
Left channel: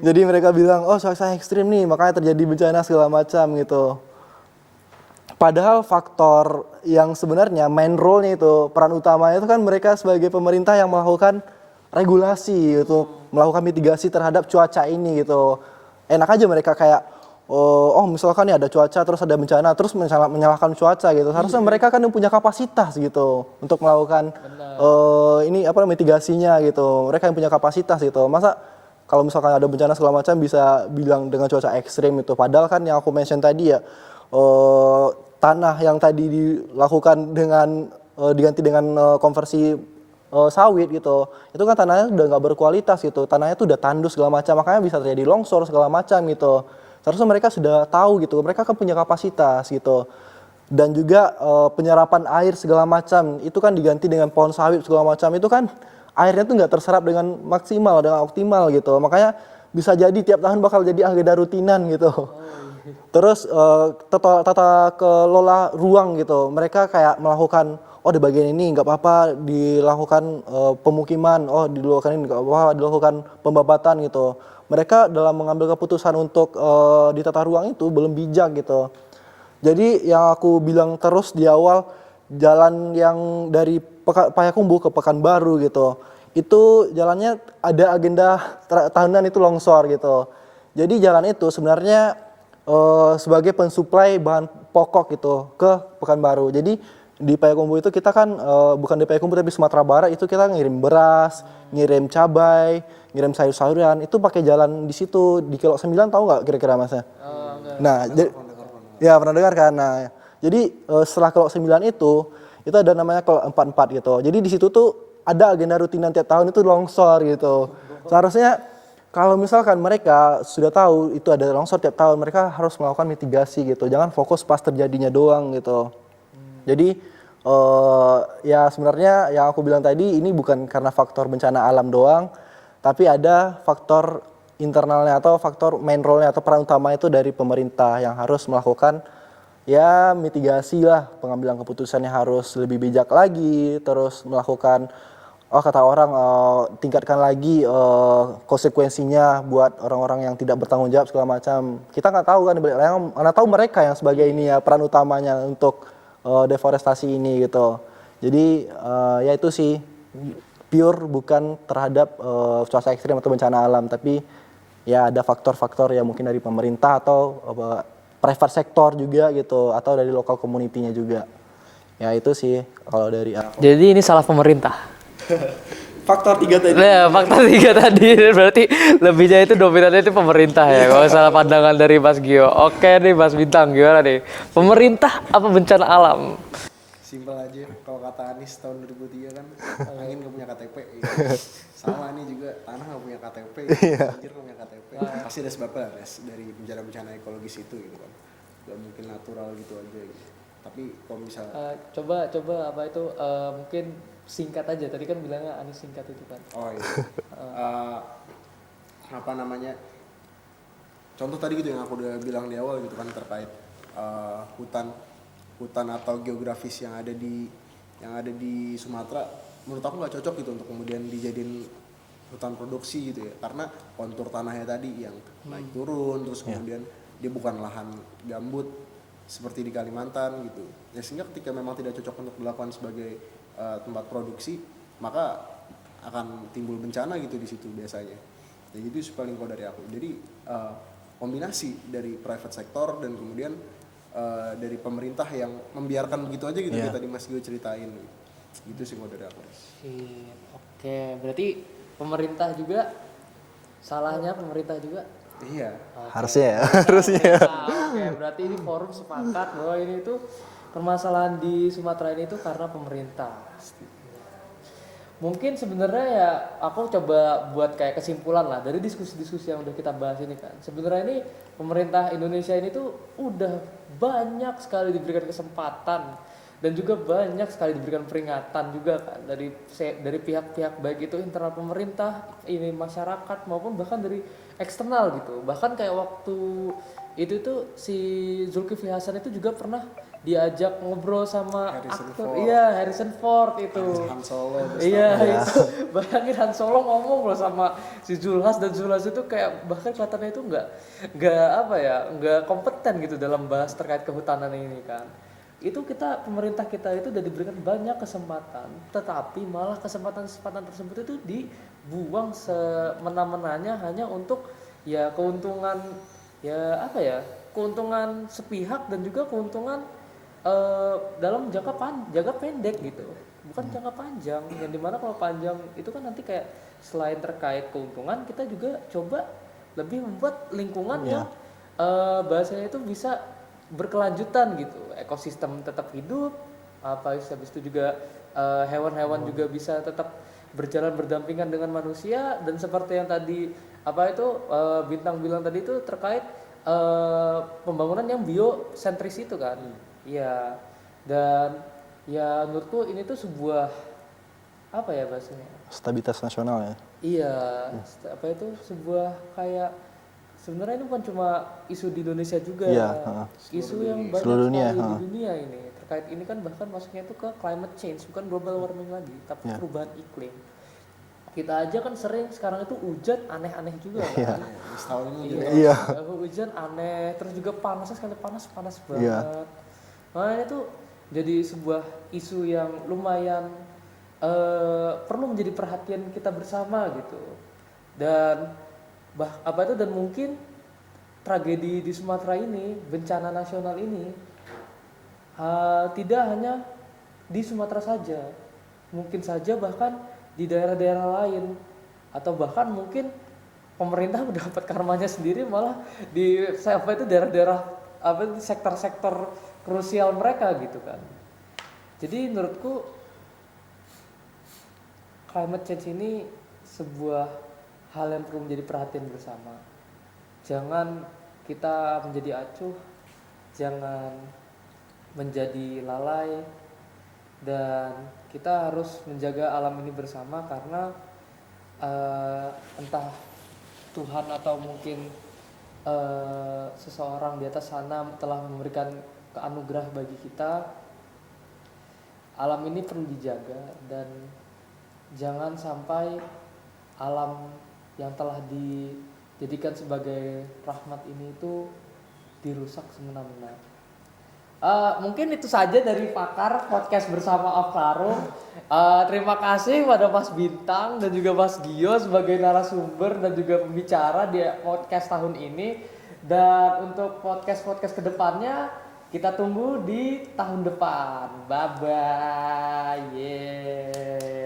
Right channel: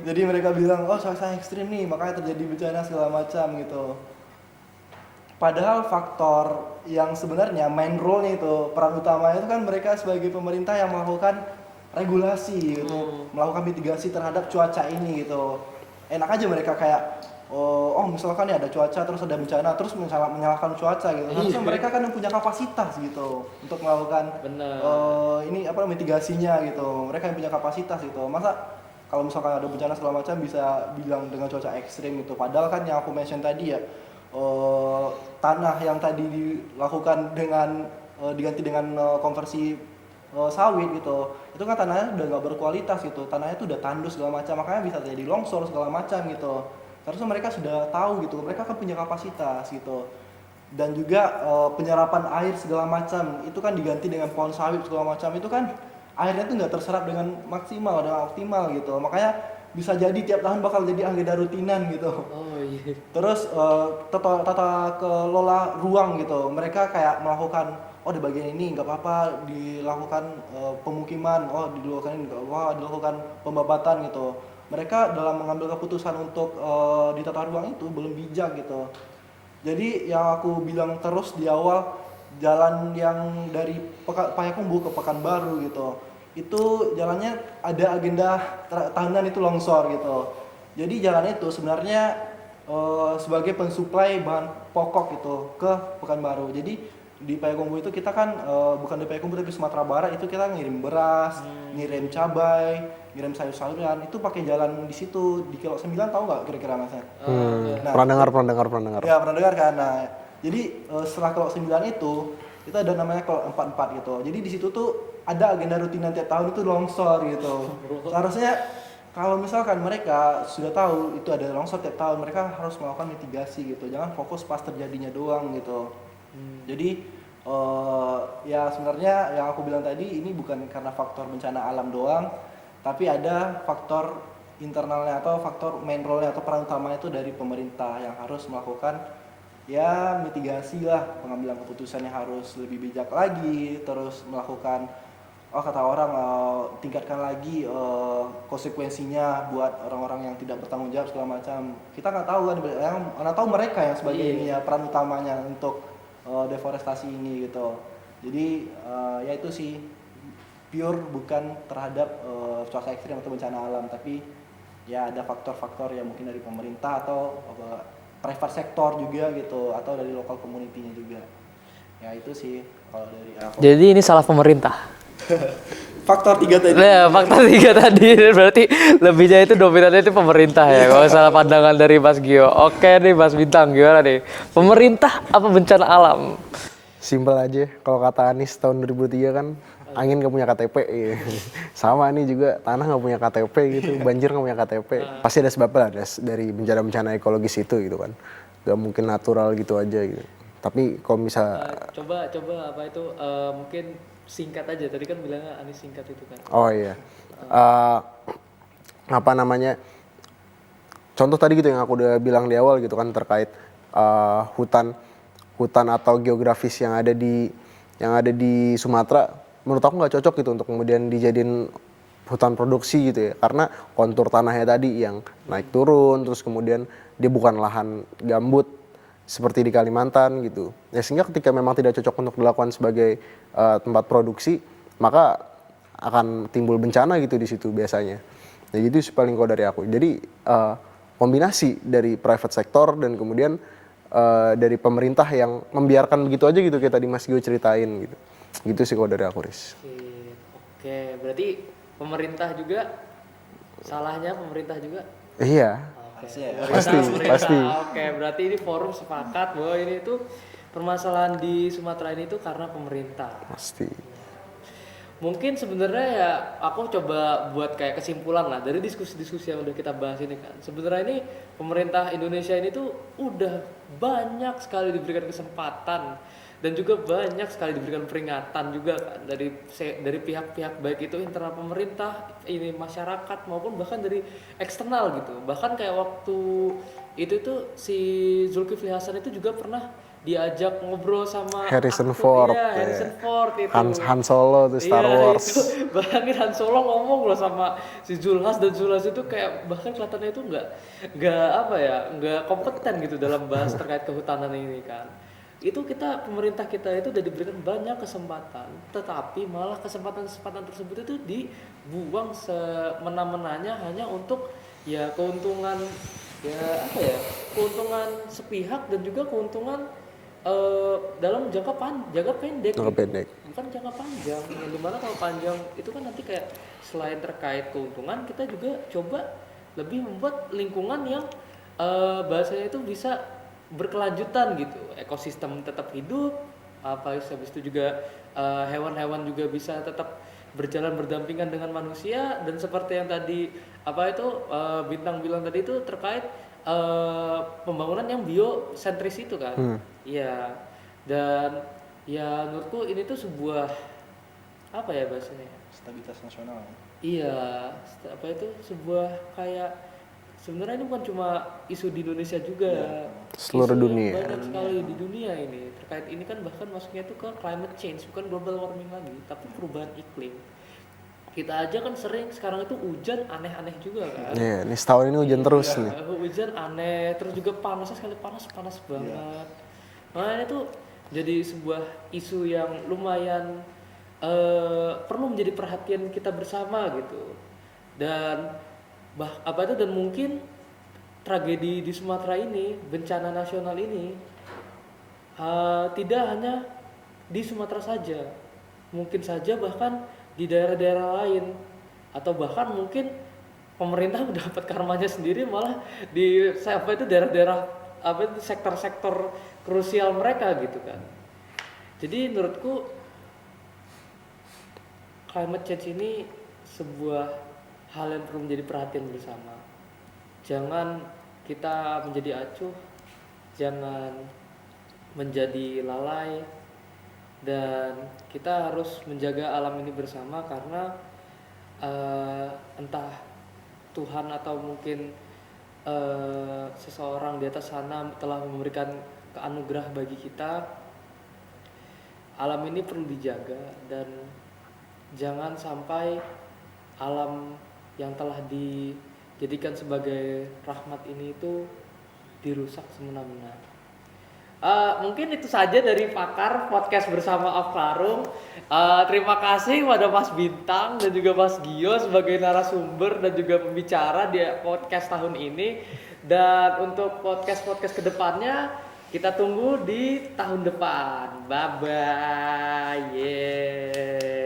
Jadi mereka bilang, oh cuaca ekstrim nih, makanya terjadi bencana segala macam gitu. Padahal faktor yang sebenarnya main role-nya itu, peran utamanya itu kan mereka sebagai pemerintah yang melakukan regulasi gitu, melakukan mitigasi terhadap cuaca ini gitu. Enak aja mereka kayak, oh misalkan nih ada cuaca terus ada bencana terus menyalahkan cuaca gitu. Harusnya mereka kan punya kapasitas gitu untuk melakukan ini apa mitigasinya gitu. Mereka yang punya kapasitas gitu. Masa kalau misalkan ada bencana segala macam bisa bilang dengan cuaca ekstrim itu. Padahal kan yang aku mention tadi ya, tanah yang tadi dilakukan dengan diganti dengan konversi sawit gitu, itu kan tanahnya udah nggak berkualitas gitu, tanahnya tuh udah tandus segala macam, makanya bisa terjadi longsor segala macam gitu. Seharusnya mereka sudah tahu gitu, mereka kan punya kapasitas gitu. Dan juga penyerapan air segala macam itu kan diganti dengan pohon sawit segala macam, itu kan airnya tuh nggak terserap dengan maksimal, dengan optimal gitu. Makanya bisa jadi tiap tahun bakal jadi agenda rutinan gitu. Terus tata kelola ruang gitu, mereka kayak melakukan, oh di bagian ini nggak apa-apa dilakukan pemukiman, oh dilakukan ini nggak apa-apa dilakukan pembabatan gitu. Mereka dalam mengambil keputusan untuk di tata ruang itu belum bijak gitu. Jadi yang aku bilang terus di awal, jalan yang dari Payakumbuh ke Pekanbaru gitu, itu jalannya ada agenda tahunan itu longsor gitu. Jadi jalan itu sebenarnya sebagai pensuplai bahan pokok gitu ke Pekanbaru. Jadi di Payakumbuh itu kita kan bukan di Payakumbuh tapi Sumatera Barat itu kita ngirim beras, ngirim cabai, ngirim sayur-sayuran itu pakai jalan di situ di Kilo 9, tahu nggak kira-kira Masnya? Nah, Pernah dengar. Ya pernah dengar kan. Nah, jadi setelah Kilo 9 itu ada namanya Kilo 44 gitu. Jadi di situ tuh ada agenda rutinan tiap tahun itu longsor gitu. Seharusnya kalau misalkan mereka sudah tahu itu ada longsor tiap tahun, mereka harus melakukan mitigasi gitu. Jangan fokus pas terjadinya doang gitu. Jadi ya sebenarnya yang aku bilang tadi ini bukan karena faktor bencana alam doang, tapi ada faktor internalnya atau faktor main role-nya atau peran utama itu dari pemerintah yang harus melakukan ya mitigasi lah, pengambilan keputusannya harus lebih bijak lagi, terus melakukan kata orang tingkatkan lagi konsekuensinya buat orang-orang yang tidak bertanggung jawab segala macam. Kita nggak tahu kan, mana tahu mereka yang sebagai ini ya peran utamanya untuk deforestasi ini gitu. Jadi ya itu sih pure bukan terhadap cuaca ekstrim atau bencana alam, tapi ya ada faktor-faktor yang mungkin dari pemerintah atau private sector juga gitu, atau dari lokal community-nya juga. Ya itu sih kalau dari aku. Jadi ini salah pemerintah. Faktor 3 tadi. Nah, faktor 3 tadi berarti lebihnya itu dominannya itu pemerintah ya. Kalau salah pandangan dari Mas Gio. Oke nih Mas Bintang, gimana nih? Pemerintah apa bencana alam? Simpel aja, kalau kata Anies tahun 2003 kan, angin gak punya KTP gitu. Sama nih juga, tanah gak punya KTP gitu, banjir gak punya KTP. Pasti ada sebabnya lah dari bencana-bencana ekologis itu gitu kan. Gak mungkin natural gitu aja gitu. Tapi kalau misal... Coba apa itu mungkin singkat aja, tadi kan bilangnya Anies singkat itu kan. Oh iya. Apa namanya, contoh tadi gitu yang aku udah bilang di awal gitu kan, terkait hutan atau geografis yang ada di Sumatera, menurut aku nggak cocok gitu untuk kemudian dijadiin hutan produksi gitu ya, karena kontur tanahnya tadi yang naik turun, terus kemudian dia bukan lahan gambut seperti di Kalimantan gitu ya, sehingga ketika memang tidak cocok untuk dilakukan sebagai tempat produksi, maka akan timbul bencana gitu di situ biasanya. Ya gitu sih paling kalau dari aku. Jadi kombinasi dari private sector dan kemudian dari pemerintah yang membiarkan begitu aja gitu, kayak tadi Mas Gio ceritain gitu. Gitu sih kalau dari aku, Riz. Oke, berarti pemerintah juga, salahnya pemerintah juga? Iya. Harusnya ya. Pasti. Oke, berarti ini forum sepakat bahwa ini itu permasalahan di Sumatera ini itu karena pemerintah. Pasti. Mungkin sebenarnya ya aku coba buat kayak kesimpulan lah dari diskusi-diskusi yang udah kita bahas ini kan. Sebenarnya ini pemerintah Indonesia ini tuh udah banyak sekali diberikan kesempatan dan juga banyak sekali diberikan peringatan juga kan dari pihak-pihak baik itu internal pemerintah, ini masyarakat maupun bahkan dari eksternal gitu. Bahkan kayak waktu itu tuh si Zulkifli Hasan itu juga pernah diajak ngobrol sama Harrison aktor. Ford, Iya, ya. Harrison Ford itu. Han Solo tuh Star Iya, Wars. itu bayangin Han Solo ngomong loh sama si Zulhas, dan Zulhas itu kayak bahkan kelihatannya itu nggak apa ya, nggak kompeten gitu dalam bahas terkait kehutanan ini kan. Itu pemerintah kita itu udah diberikan banyak kesempatan, tetapi malah kesempatan tersebut itu dibuang semena-menanya hanya untuk ya keuntungan, ya apa ya, keuntungan sepihak dan juga keuntungan dalam jangka pendek Jangka gitu. pendek. Bukan jangka panjang, yang dimana kalau panjang itu kan nanti kayak selain terkait keuntungan, kita juga coba lebih membuat lingkungan yang bahasanya itu bisa berkelanjutan gitu, ekosistem tetap hidup, habis itu juga hewan-hewan juga bisa tetap berjalan berdampingan dengan manusia, dan seperti yang tadi Bintang bilang tadi itu terkait pembangunan yang biosentris itu kan. Iya. Dan ya menurutku ini tuh sebuah apa ya bahasanya? Stabilitas nasional ya. Iya, sebuah kayak sebenarnya ini bukan cuma isu di Indonesia juga. Iya, seluruh Isu yang dunia. banyak Seluruh dunia, sekali di dunia ini. Terkait ini kan bahkan masuknya itu ke climate change, bukan global warming lagi, tapi perubahan iklim. Kita aja kan sering sekarang itu hujan aneh-aneh juga kan. Iya, ini setahun ini hujan terus. nih. Hujan aneh, terus juga panasnya sekali panas banget. Iya. Nah ini tuh jadi sebuah isu yang lumayan perlu menjadi perhatian kita bersama gitu. Dan dan mungkin tragedi di Sumatera ini, bencana nasional ini tidak hanya di Sumatera saja, mungkin saja bahkan di daerah-daerah lain, atau bahkan mungkin pemerintah mendapat karmanya sendiri malah di daerah-daerah sektor-sektor krusial mereka gitu kan. Jadi menurutku climate change ini sebuah hal yang perlu menjadi perhatian bersama. Jangan kita menjadi acuh, jangan menjadi lalai, dan kita harus menjaga alam ini bersama karena entah Tuhan atau mungkin seseorang di atas sana telah memberikan keanugerah bagi kita. Alam ini perlu dijaga, dan jangan sampai alam yang telah dijadikan sebagai rahmat ini itu dirusak semena-mena. Mungkin itu saja dari Pakar Podcast bersama Afkarung. Terima kasih pada Mas Bintang dan juga Mas Gio sebagai narasumber dan juga pembicara di podcast tahun ini. Dan untuk podcast-podcast kedepannya kita tunggu di tahun depan. Bye bye. Yeah.